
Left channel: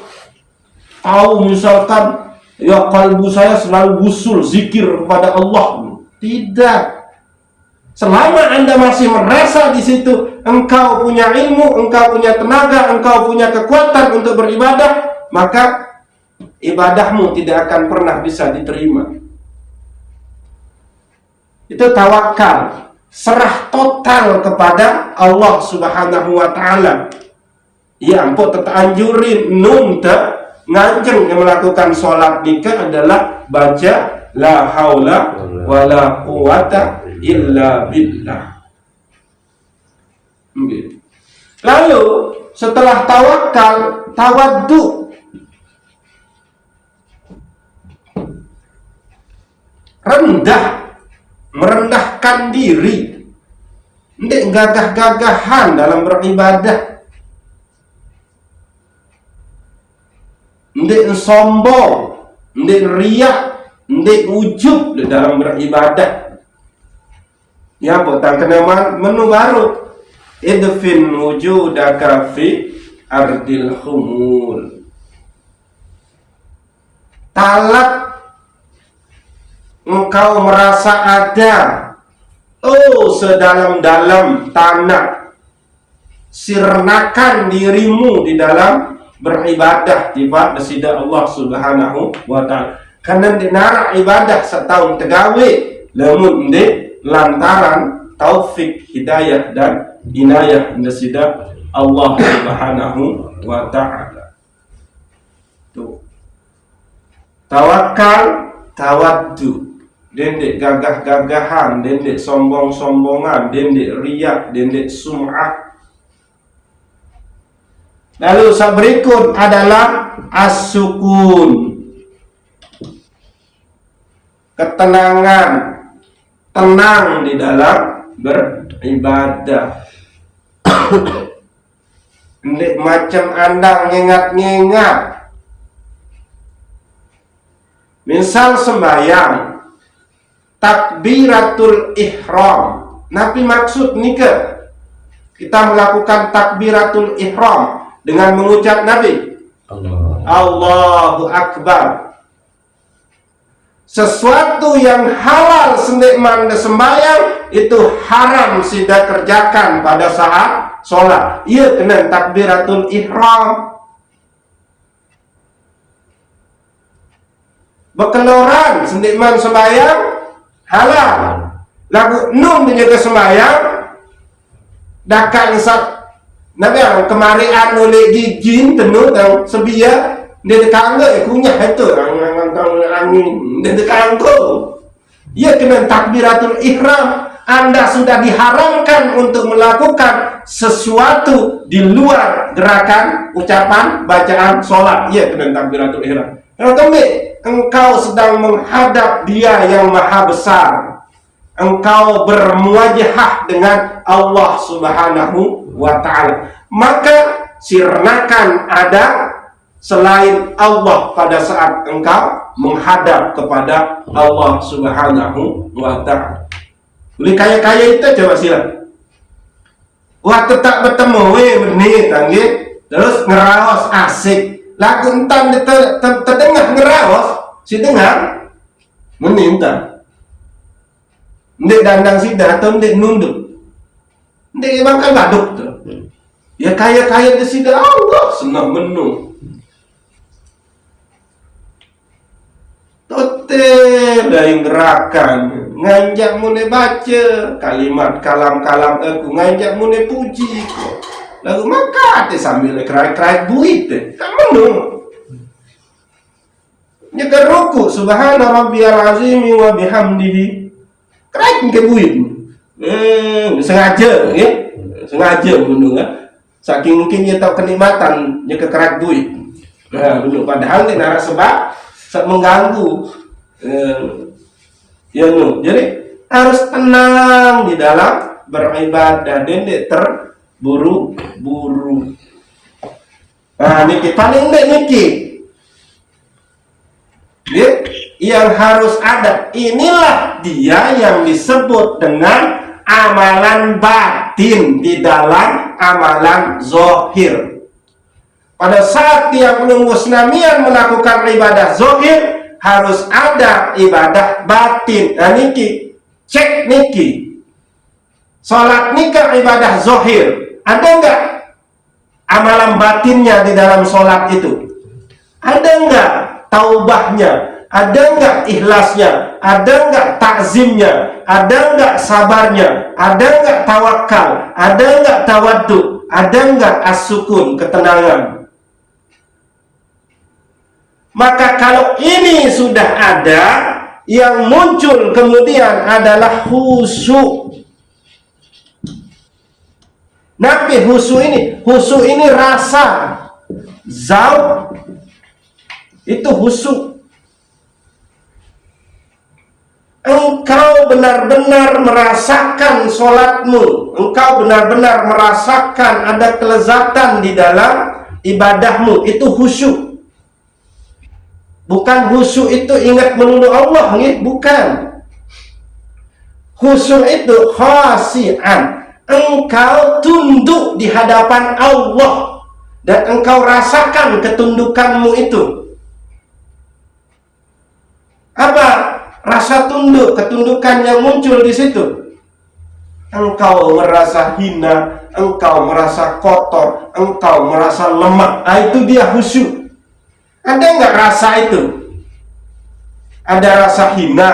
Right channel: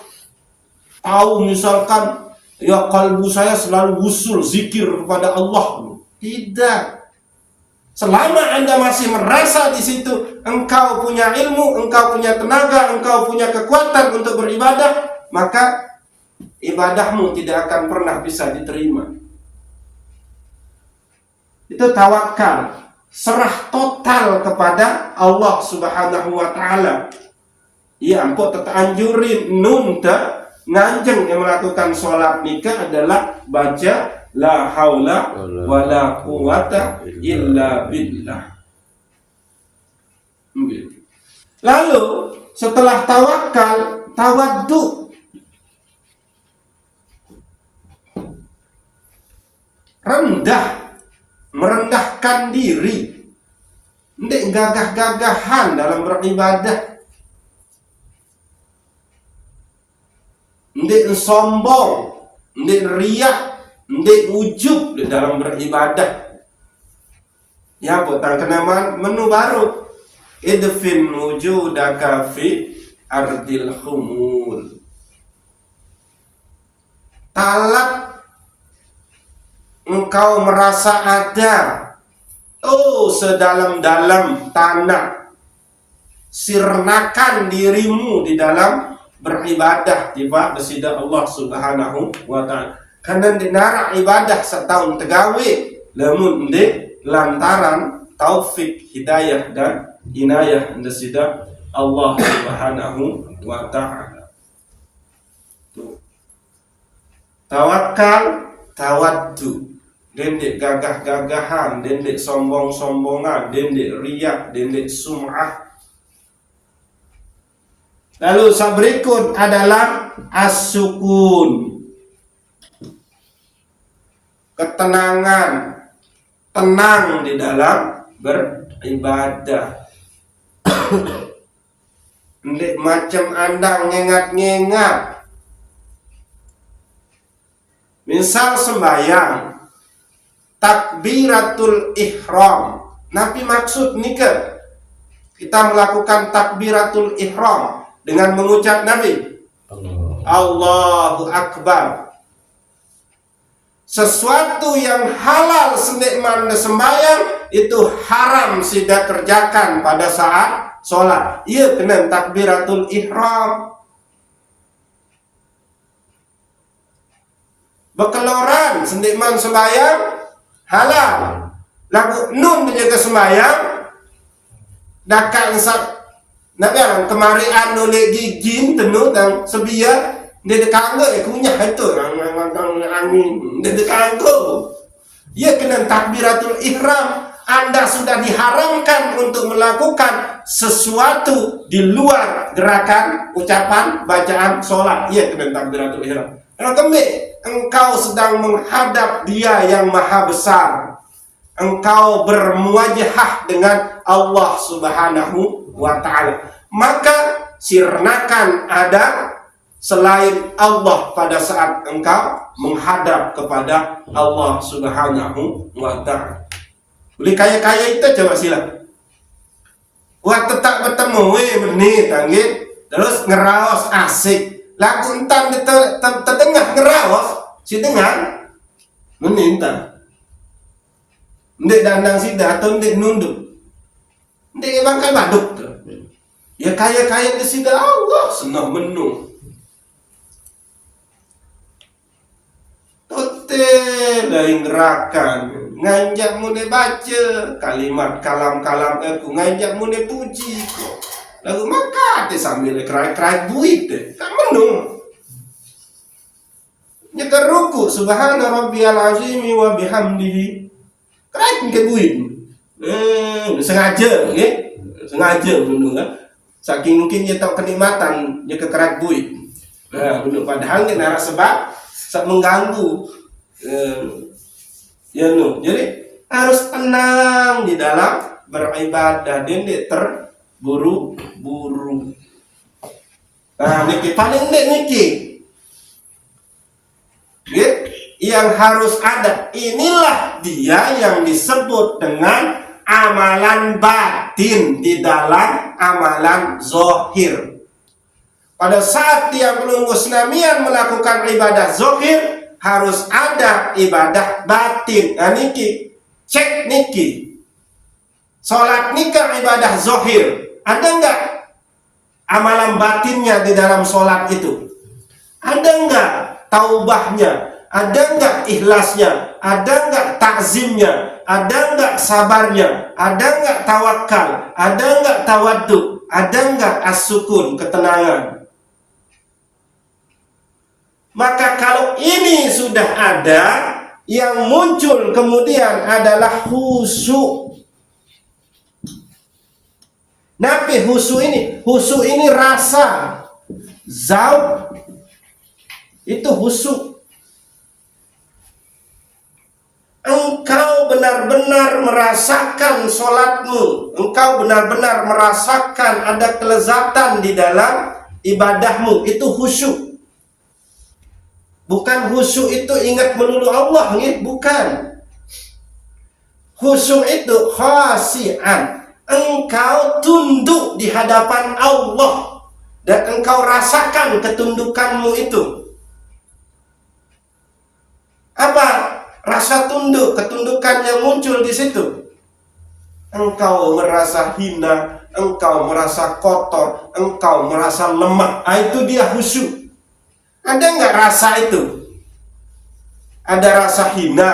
tahu misalkan ya kalbu saya selalu wusul zikir kepada Allah. Tidak. Selama Anda masih merasa di situ engkau punya ilmu, engkau punya tenaga, engkau punya kekuatan untuk beribadah, maka ibadahmu tidak akan pernah bisa diterima. Itu tawakal, serah total kepada Allah Subhanahu wa taala. Ya ampun, tetap anjurin num nganjeng yang melakukan sholat nikah adalah baca la haula wala quwata illa billah. Lalu setelah tawakal, tawaddu. Rendah, merendahkan diri. Ndek gagah-gagahan dalam beribadah. Ndek sombong, ndek riak, ndek ujub dalam beribadah. Ya, potang kena menu baru. Idfin wujudaka fi ardil khumul. Talak engkau merasa ada, sedalam-dalam tanah. Sirnakan dirimu di dalam beribadah di sida Allah Subhanahu wa taala. Karena dinara ibadah setahun tegawe lamun lantaran taufik hidayah dan inayah di sida Allah Subhanahu wa taala. Tuh. Tawakal, tawaddu. Dendek gagah-gagahan, dendek sombong-sombongan, dendek riak, dendek sum'ah. Lalu berikut adalah as-sukun. Ketenangan, tenang di dalam beribadah. Ndek macam Anda ngengat-ngengat. Misal sembahyang, takbiratul ihram. Nabi maksud nikah kita melakukan takbiratul ihram dengan mengucap Nabi Allahu Akbar. Sesuatu yang halal sendikman sembahyang itu haram tidak kerjakan pada saat sholat. Ia kena takbiratul ihram. Berkeluaran sendikman sembahyang halal. Lagu nun menjaga sembahyang dakan sak nabi kemari oleh gigin tenut dan sebia dia dekangga kunyah itu angin dia dekangga. Ia kena takbiratul ihram. Anda sudah diharamkan untuk melakukan sesuatu di luar gerakan ucapan bacaan sholat. Ia kena takbiratul ihram. Engkau sedang menghadap Dia yang Maha Besar. Engkau bermuwajahah dengan Allah Subhanahu wa taala. Maka sirnakan ada selain Allah pada saat engkau menghadap kepada Allah Subhanahu wa taala. Boleh kaya-kaya itu coba sila. Waktu tak bertemu benih tanggit terus ngeraos asik. Lagu entam terdengar ngeraos, si dengar meninta. Ndek dandang sida atau ndek nunduk. Ndek emang kan baduk tuh. Ya kaya-kaya di sida Allah senang menu. Tote dari gerakan nganjak mune baca kalimat kalam-kalam aku nganjak mune puji. Lalu maka ate sambil kerai-kerai buit kamu nyegar ruku subhana rabbiyal azim wa bihamdihi kerai ke buit sengaja ya sengaja bener kan saking mungkin dia tahu kenikmatan dia kerai buit bener padahal dia nara sebab mengganggu ya no jadi harus tenang di dalam beribadah dan dia buru-buru. Nah, niki paling enggak niki. Ya, yang harus ada. Inilah dia yang disebut dengan amalan batin di dalam amalan zohir. Pada saat dia menunggu senamian melakukan ibadah zohir, harus ada ibadah batin. Nah, niki cek niki. Salat nikah ibadah zahir. Ada enggak amalan batinnya di dalam salat itu? Ada enggak taubahnya? Ada enggak ikhlasnya? Ada enggak takzimnya? Ada enggak sabarnya? Ada enggak tawakal? Ada enggak tawaddu? Ada enggak as-sukun, ketenangan? Maka kalau ini sudah ada, yang muncul kemudian adalah khusyuk. Nabi khusyuk ini rasa, zauq, itu khusyuk. Engkau benar-benar merasakan sholatmu, engkau benar-benar merasakan ada kelezatan di dalam ibadahmu, itu khusyuk. Bukan khusyuk itu ingat melulu Allah, bukan. Khusyuk itu khasi'an, engkau tunduk di hadapan Allah dan engkau rasakan ketundukanmu itu. Apa rasa tunduk, ketundukan yang muncul di situ? Engkau merasa hina, engkau merasa kotor, engkau merasa lemah. Itu dia khusyuk. Ada nggak rasa itu? Ada rasa hina,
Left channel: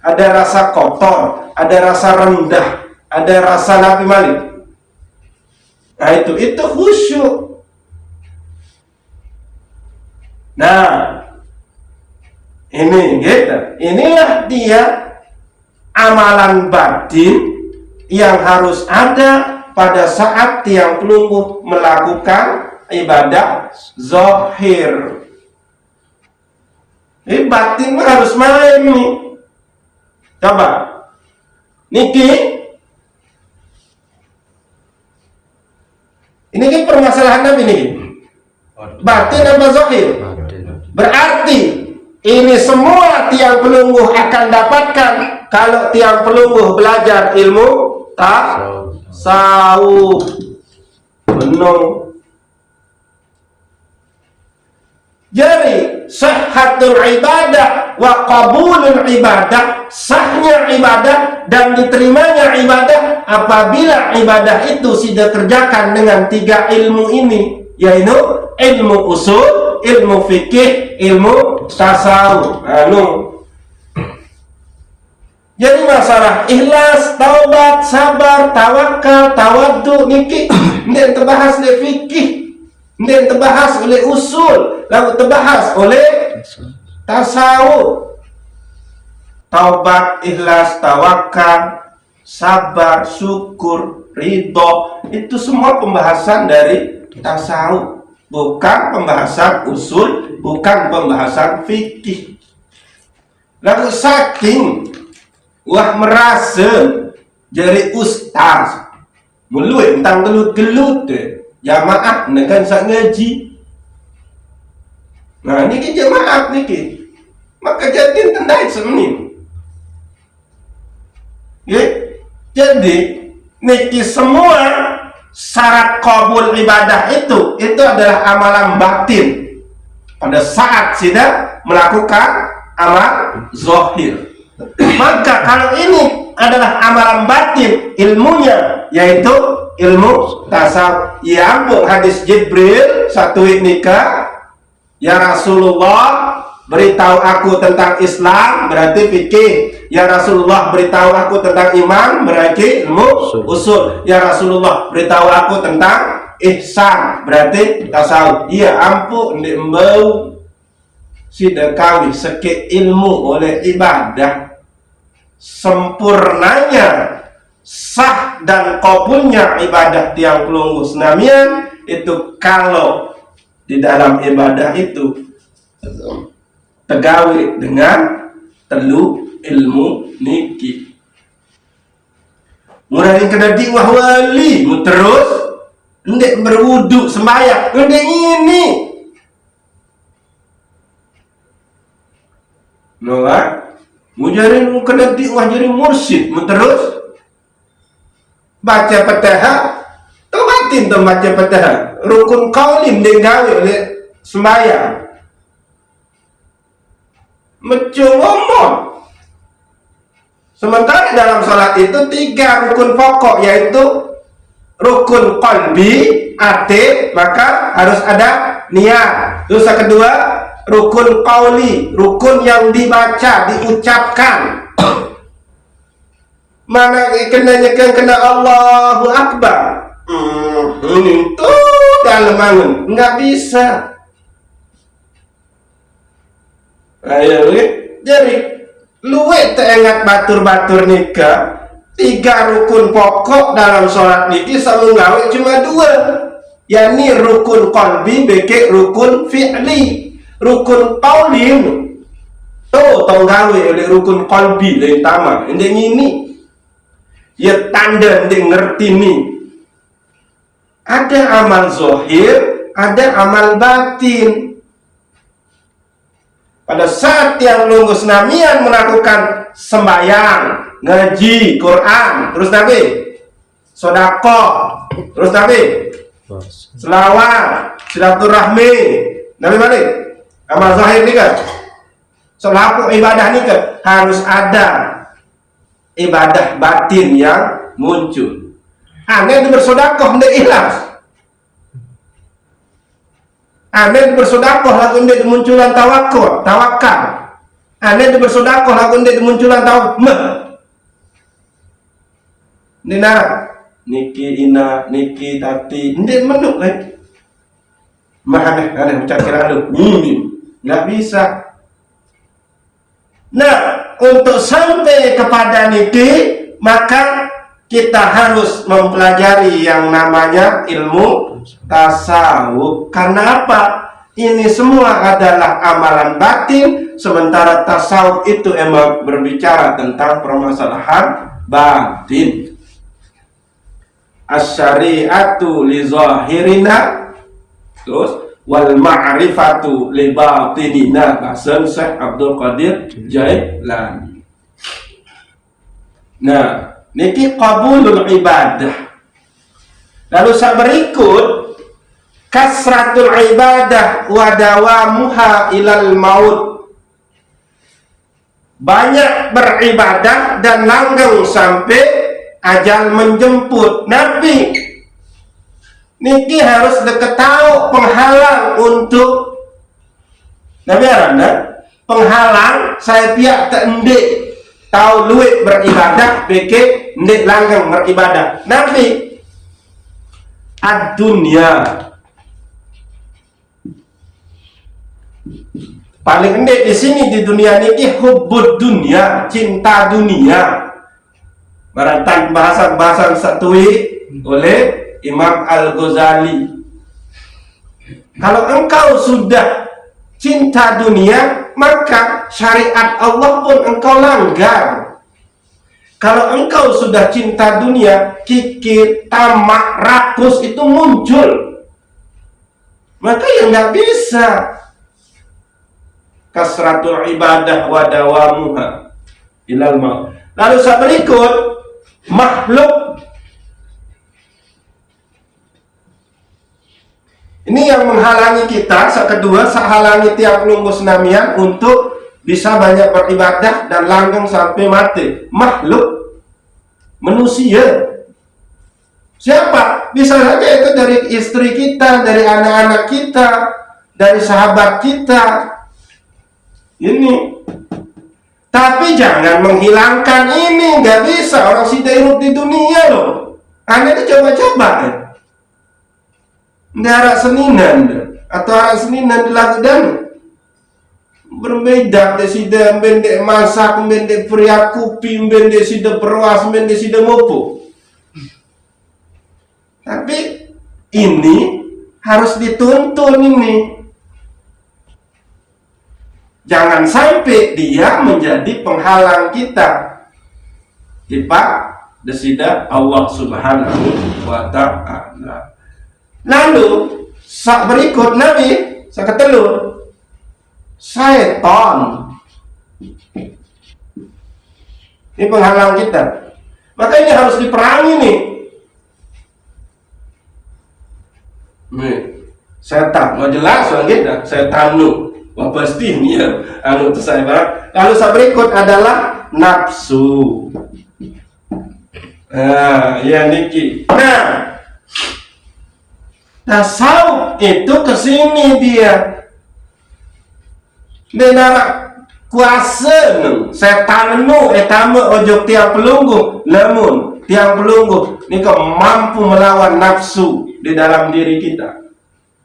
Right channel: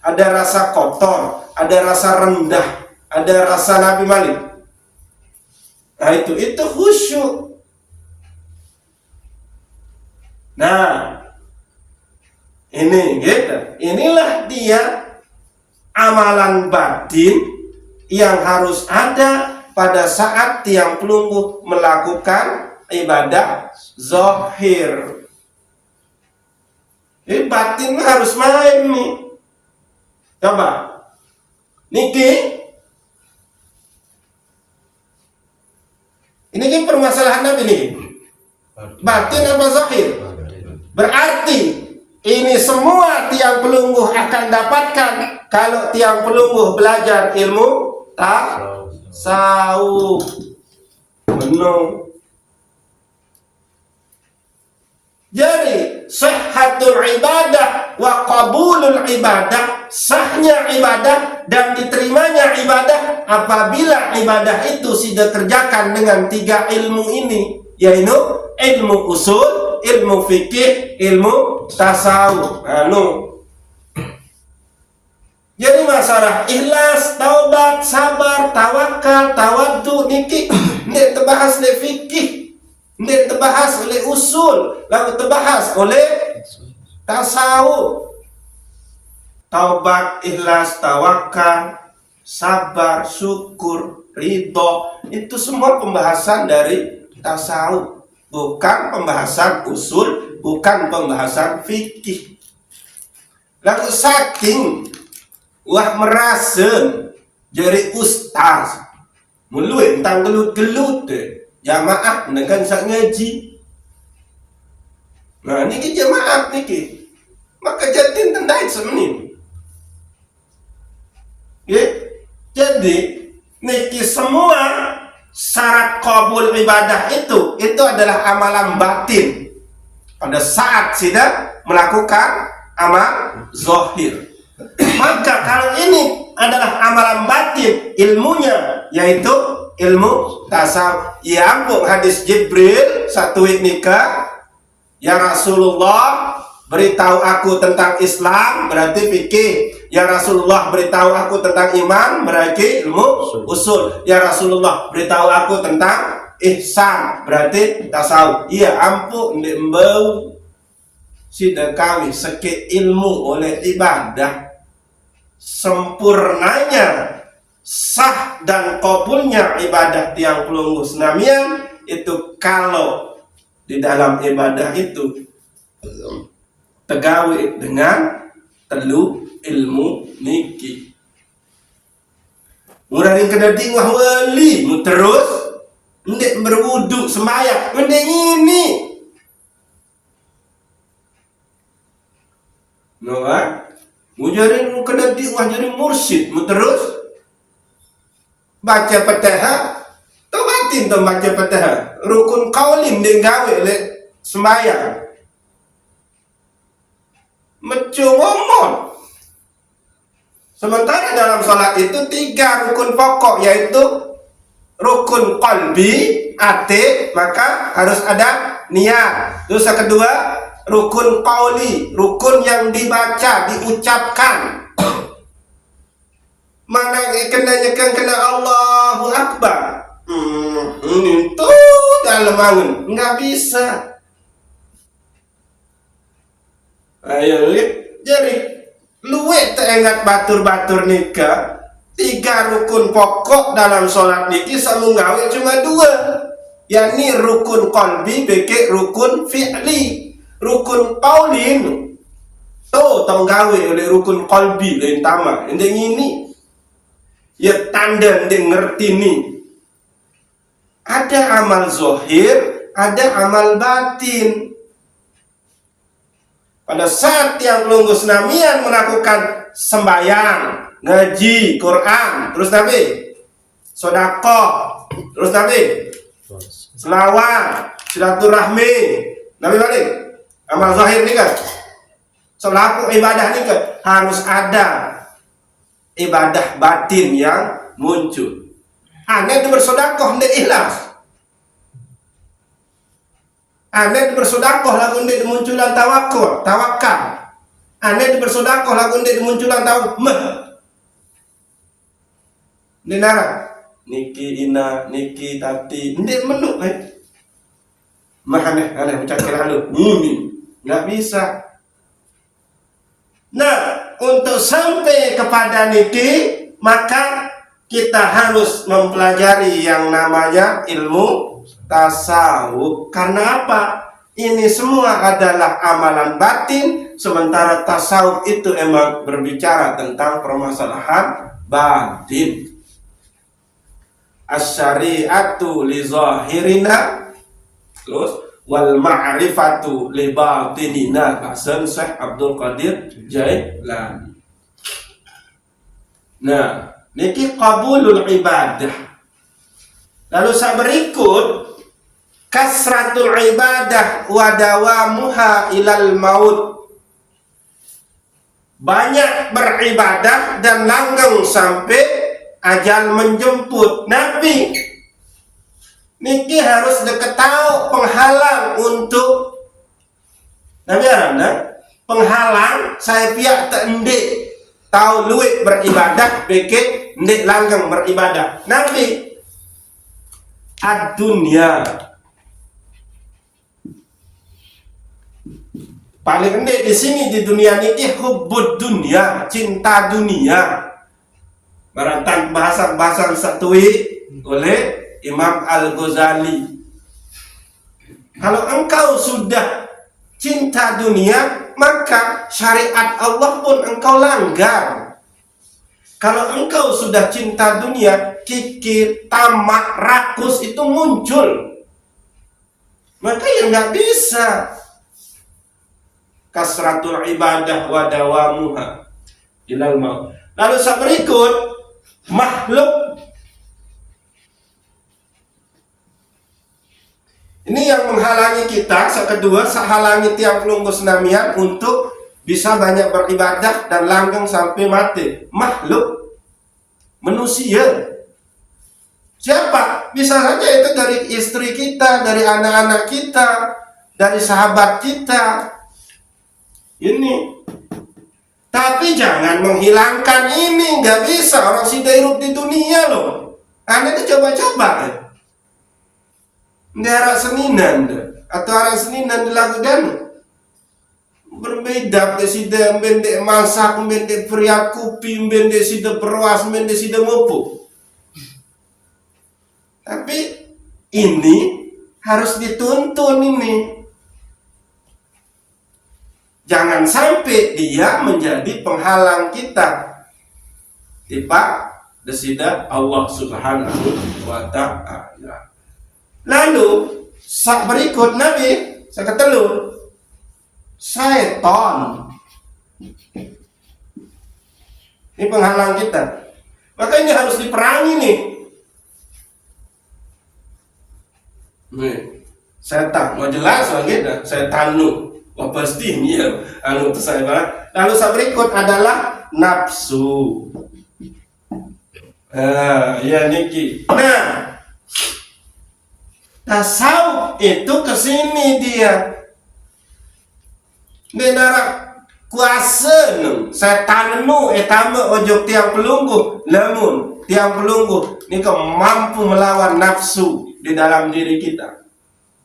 ada rasa kotor, ada rasa rendah, ada rasa Nabi Malik. Nah itu khusyuk. Nah, ini gitu. Inilah dia amalan batin yang harus ada pada saat tiang pelungguh melakukan ibadah zahir. Ini batin harus main nih. Coba Niki, ini kan permasalahan Nabi nih. Batin apa zahir? Berarti ini semua tiang pelungguh akan dapatkan kalau tiang pelungguh belajar ilmu tasawuf penuh. Jadi sihhatul ibadah wa qabulul ibadah, sahnya ibadah dan diterimanya ibadah apabila ibadah itu sudah kerjakan dengan 3 ilmu ini, yaitu ilmu usul, ilmu fikih, ilmu tasawuf. Jadi masalah ikhlas, taubat, sabar, tawakal, tawaddu niki ini terbahas oleh fikih, ini terbahas oleh usul, lalu terbahas oleh tasawuf. Taubat, ikhlas, tawakal, sabar, syukur, ridho, itu semua pembahasan dari tasawuf, bukan pembahasan usul, bukan pembahasan fikih. Lalu saking wah merasa jadi ustaz muluit tentang gelut-gelut jamaah dengan sak ngaji. Nah niki jamaah niki maka jadi tendai semenin ya. Jadi niki semua syarat kabul ibadah itu adalah amalan batin pada saat sudah melakukan amal zahir. Maka kalau ini adalah amalan batin ilmunya, yaitu ilmu tasawuf. Ya ampun, hadis Jibril satu nikah, ya Rasulullah beritahu aku tentang Islam, berarti fikih. Ya Rasulullah beritahu aku tentang iman, berarti ilmu usul. Ya Rasulullah beritahu aku tentang ihsan, berarti tasawuf. Ya ampun, ndek mbau sidakawi seke ilmu oleh ibadah. Sempurnanya sah dan kabulnya ibadah tiang pelungguh senamian itu kalau di dalam ibadah itu tegawi dengan telu ilmu niki. Murahin kena diwah wali mu terus ndek berwuduk sembahyang ndek ini noah mujarin mu kena diwah jadi mursyid mu terus baca Fatihah tomatin to baca Fatihah rukun qaulin ndek gawe oleh sembahyang mecu ngomong Sementara dalam sholat itu 3 rukun pokok, yaitu rukun qalbi, hati, maka harus ada niat. Terus yang kedua, rukun qauli, rukun yang dibaca, diucapkan. Mana kena Allahu Akbar. Ini tuh dalam bangun, nggak bisa. Ayo, jadi luwet teringat batur-batur nikah 3 rukun pokok dalam sholat niki sama gawe cuma 2, yakni rukun qalbi beke rukun fi'li. Rukun qauli tuh tong gawe oleh rukun qalbi lain tama ini ya tanda ndek ngerti nih. Ada amal zahir, ada amal batin. Pada saat yang lunggus namian melakukan sembahyang, ngaji, Quran, terus Nabi, sedekah, terus Nabi, selawat, silaturahmi, Nabi balik, amal zahir nih kan, selaku ibadah nih kan, harus ada ibadah batin yang muncul. Aneh itu bersedekah hendak ikhlas. Aneh bersedekah lagu ndek munculan tawakal. Aneh bersedekah lagu ndek munculan tawakal. Dina niki ina niki tati ndek menuk aneh ucap kira lu. Enggak bisa. Nah, untuk sampai kepada niki maka kita harus mempelajari yang namanya ilmu tasawuf. Karena apa? Ini semua adalah amalan batin, sementara tasawuf itu emang berbicara tentang permasalahan batin. Asy-syari'atu li zahirina, terus wal ma'rifatu li batinina, bahasa Syekh Abdul Qadir Jailani. Nah, niki qabulul ibadah. Lalu berikut kasratul ibadah wa dawamuha ilal maut. Banyak beribadah dan langgeng sampai ajal menjemput. Nabi niki harus diketahui penghalang untuk Nabi arana penghalang saya pihak tak endek tahu luit beribadah beke ndek langgeng beribadah. Nabi ad-dunya paling ndek di sini di dunia niki hubbud dunia, cinta dunia. Barangkali bahasa satui oleh Imam Al-Ghazali. Kalau engkau sudah cinta dunia, maka syariat Allah pun engkau langgar. Kalau engkau sudah cinta dunia, kikir, tamak, rakus itu muncul. Maka yang nggak bisa. Kasratul ibadah wa dawamuha ilal maut. Lalu berikut makhluk. Ini yang menghalangi kita. Kedua, halangi tiap lunggus namian untuk bisa banyak beribadah dan langgeng sampai mati. Makhluk manusia. Siapa? Bisa saja itu dari istri kita, dari anak-anak kita, dari sahabat kita. Ini. Tapi jangan menghilangkan ini. Nggak bisa. Orang sudah hidup di dunia loh. Anda itu coba-coba. Nggak arah seninan. Atau arah seninan di lagu dan berbeda. Desida bendek masak, bendek pria kupi, bendek sida perwas, bendek sida mopo. Tapi ini harus dituntun ini. Jangan sampai dia menjadi penghalang kita. Tiba desida Allah Subhanahu wa ta'ala. Lalu berikut Nabi ketelu setan. Ini penghalang kita. Maka ini harus diperangi nih. Setan, mau jelas lagi dah. Setan nu. Wah pasti nih ya, anu itu saya banget. Lalu berikut adalah nafsu. Ya niki. Nah, tasawuf itu kesini dia. Denara kuasa setan nu etama ojo tiang pelungguh, namun tiang pelungguh nika mampu melawan nafsu di dalam diri kita.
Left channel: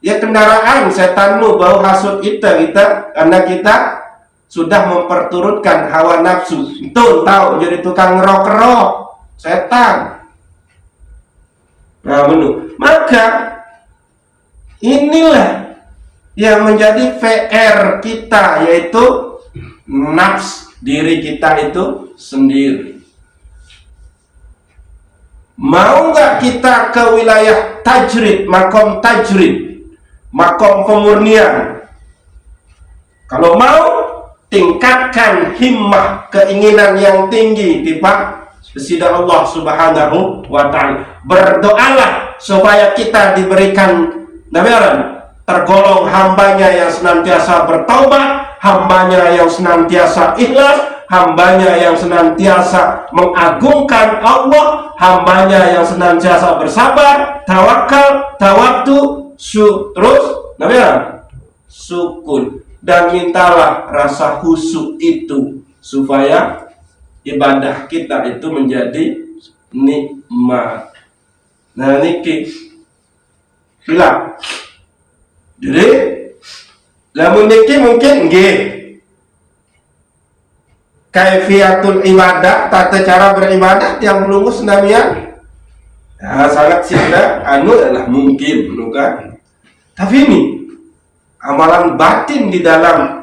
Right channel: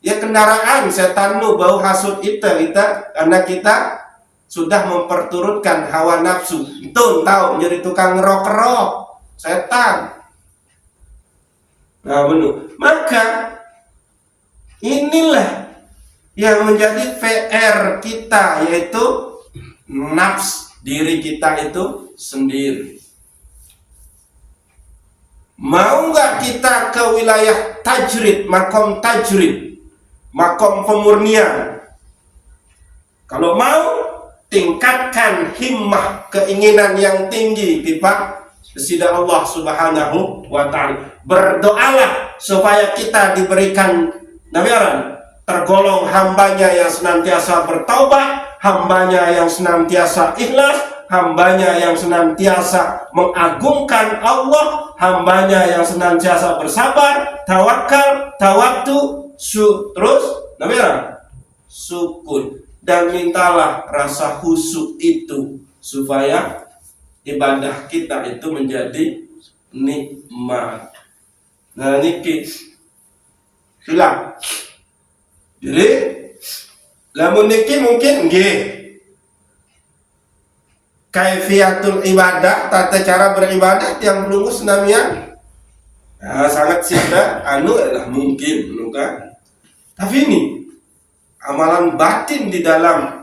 Ya kendaraan setan nu bau hasut kita karena kita sudah memperturutkan hawa nafsu. Tuh tahu jadi tukang ngerok-ngerok setan. Nah, maka inilah yang menjadi PR kita, yaitu nafs diri kita itu sendiri. Mau nggak kita ke wilayah tajrid, makom pemurnian? Kalau mau, tingkatkan himmah, keinginan yang tinggi di sisi Allah Subhanahu wa Ta'ala. Berdoalah supaya kita diberikan tergolong hambanya yang senantiasa bertaubat, hambanya yang senantiasa ikhlas, hambanya yang senantiasa mengagungkan Allah, hambanya yang senantiasa bersabar, tawakal, tawaktu, terus sukun. Dan mintalah rasa khusyuk itu supaya ibadah kita itu menjadi nikmat. Nah niki hilang. Jadi lamun niki mungkin nggih kaifiatul ibadah, tata cara beribadah yang belum senamian sangat sida adalah mungkin kan. Tapi ini amalan batin di dalam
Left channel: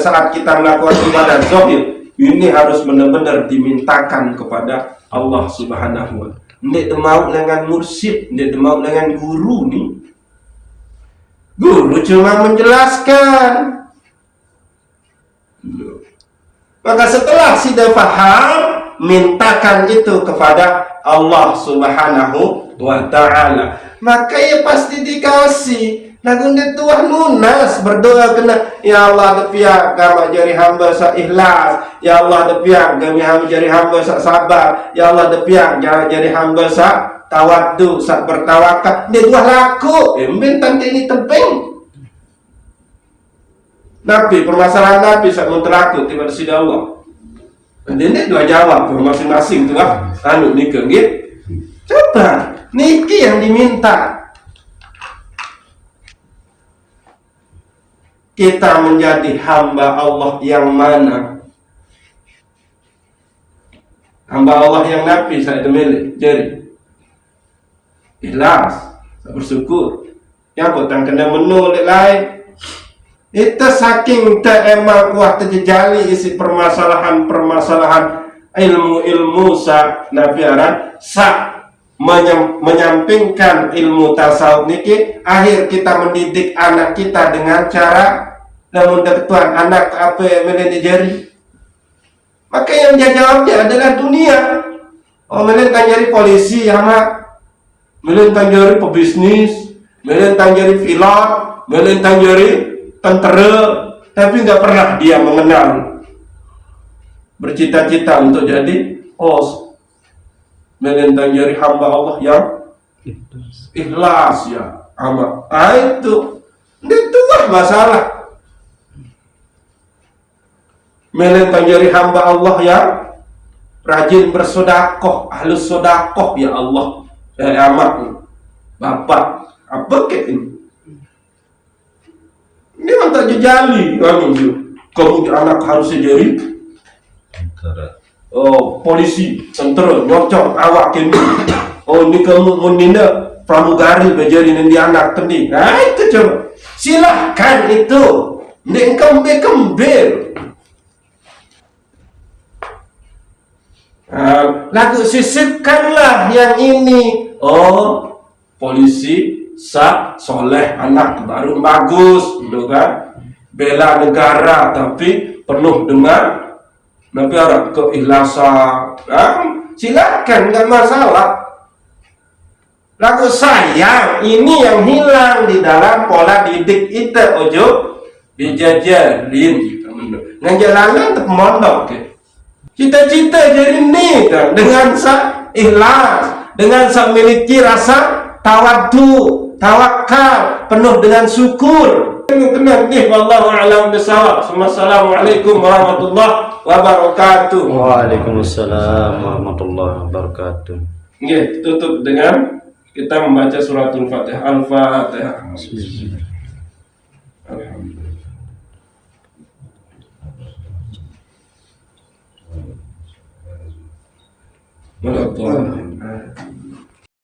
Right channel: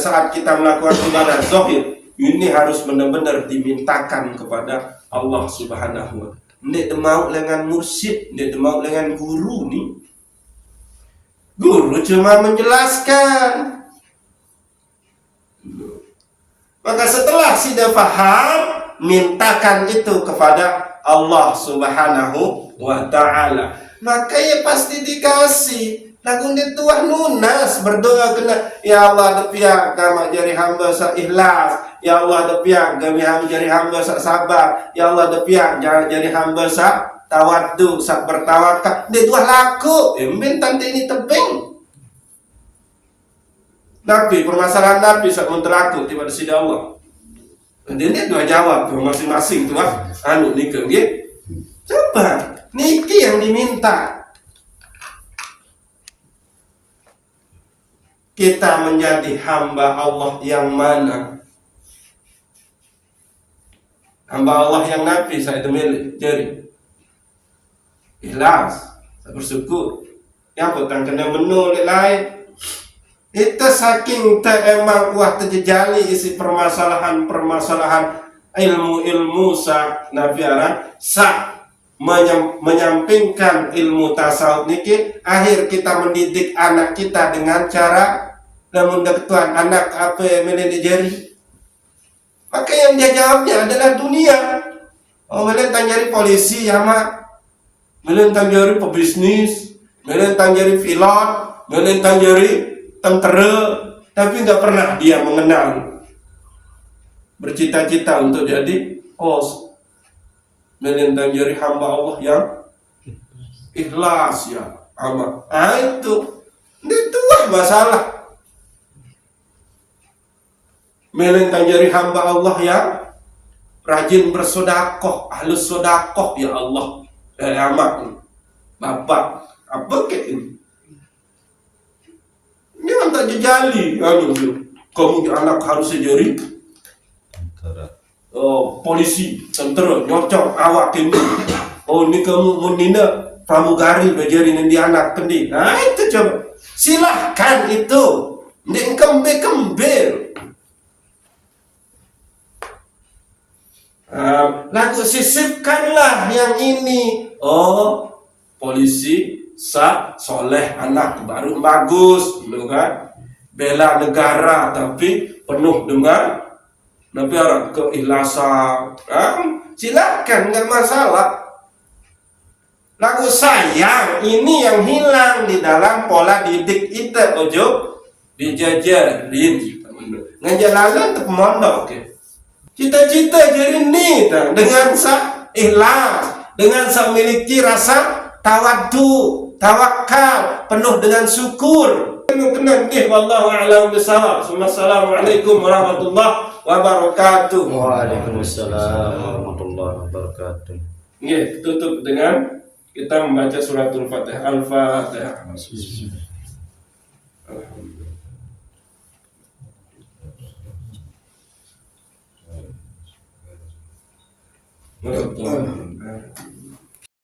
saat kita melakukan ibadah zahir ini harus benar-benar dimintakan kepada Allah Subhanahu wa Ta'ala. Ndak mau dengan mursyid, ndak mau dengan guru nih. Guru cuma menjelaskan. Maka setelah sudah paham, mintakan itu kepada Allah Subhanahu wa Ta'ala. Maka ya pasti dikasih. Lagu tuah lunas berdoa kena, ya Allah depiak kama jari hamba sa ikhlas, ya Allah depiak kami hamba jari hamba sa sabar, ya Allah depiak jari hamba sa tawaddu sa bertawakal. Dia tuah laku, emben tante ini tebing. Nabi permasalahan Nabi saat menteraku tiba di sisi Allah. Dan ini dua jawab masing-masing tuah nikah gitu. Coba niki yang diminta. Kita menjadi hamba Allah yang mana? Hamba Allah yang Nabi saya milik jadi ikhlas, bersyukur. Ya bukan kena menulis lain. Itu saking tak emang terjejali isi permasalahan ilmu sa nafiaran menyampingkan ilmu tasawuf niki, akhir kita mendidik anak kita dengan cara namun Tuhan anak apa yang menjadi. Maka yang dia jawabnya adalah dunia. Oh, melintang jadi polisi sama, melintang jadi pebisnis, melintang jadi pilot, melintang jadi tentara, tapi nggak pernah dia mengenal bercita-cita untuk jadi melintang jadi hamba Allah yang ikhlas ya ama. Itulah masalah. Melintang jadi hamba Allah yang rajin bersodakoh, ahlus sodakoh ya Allah. Dari amat bapak apa kayak ini? Ini tak jejali kamu anak harusnya jadi polisi, tentara, nyocok awak ini. Ini kamu menina pramugari menjadi nanti anak penting. Nah itu coba silahkan itu. Ini kembel. Lalu sisipkanlah yang ini. Polisi soleh, anak baru bagus, gitu kan? Bela negara tapi penuh dengan orang keikhlasan. Silakan, nggak masalah. Lalu sayang ini yang hilang di dalam pola didik itu. Ojo dijajarin, ngejalanan tetap mondok. Cita-cita jadi ni kan dengan sa ikhlas, dengan sa miliki rasa tawaddu, tawakal, penuh dengan syukur. Kena ni wallahu a'lam bisawab. Assalamualaikum warahmatullahi wabarakatuh. Waalaikumsalam warahmatullahi wabarakatuh. Nggih, tutup dengan kita membaca suratul Fatihah. Al-Fatihah. Alhamdulillah.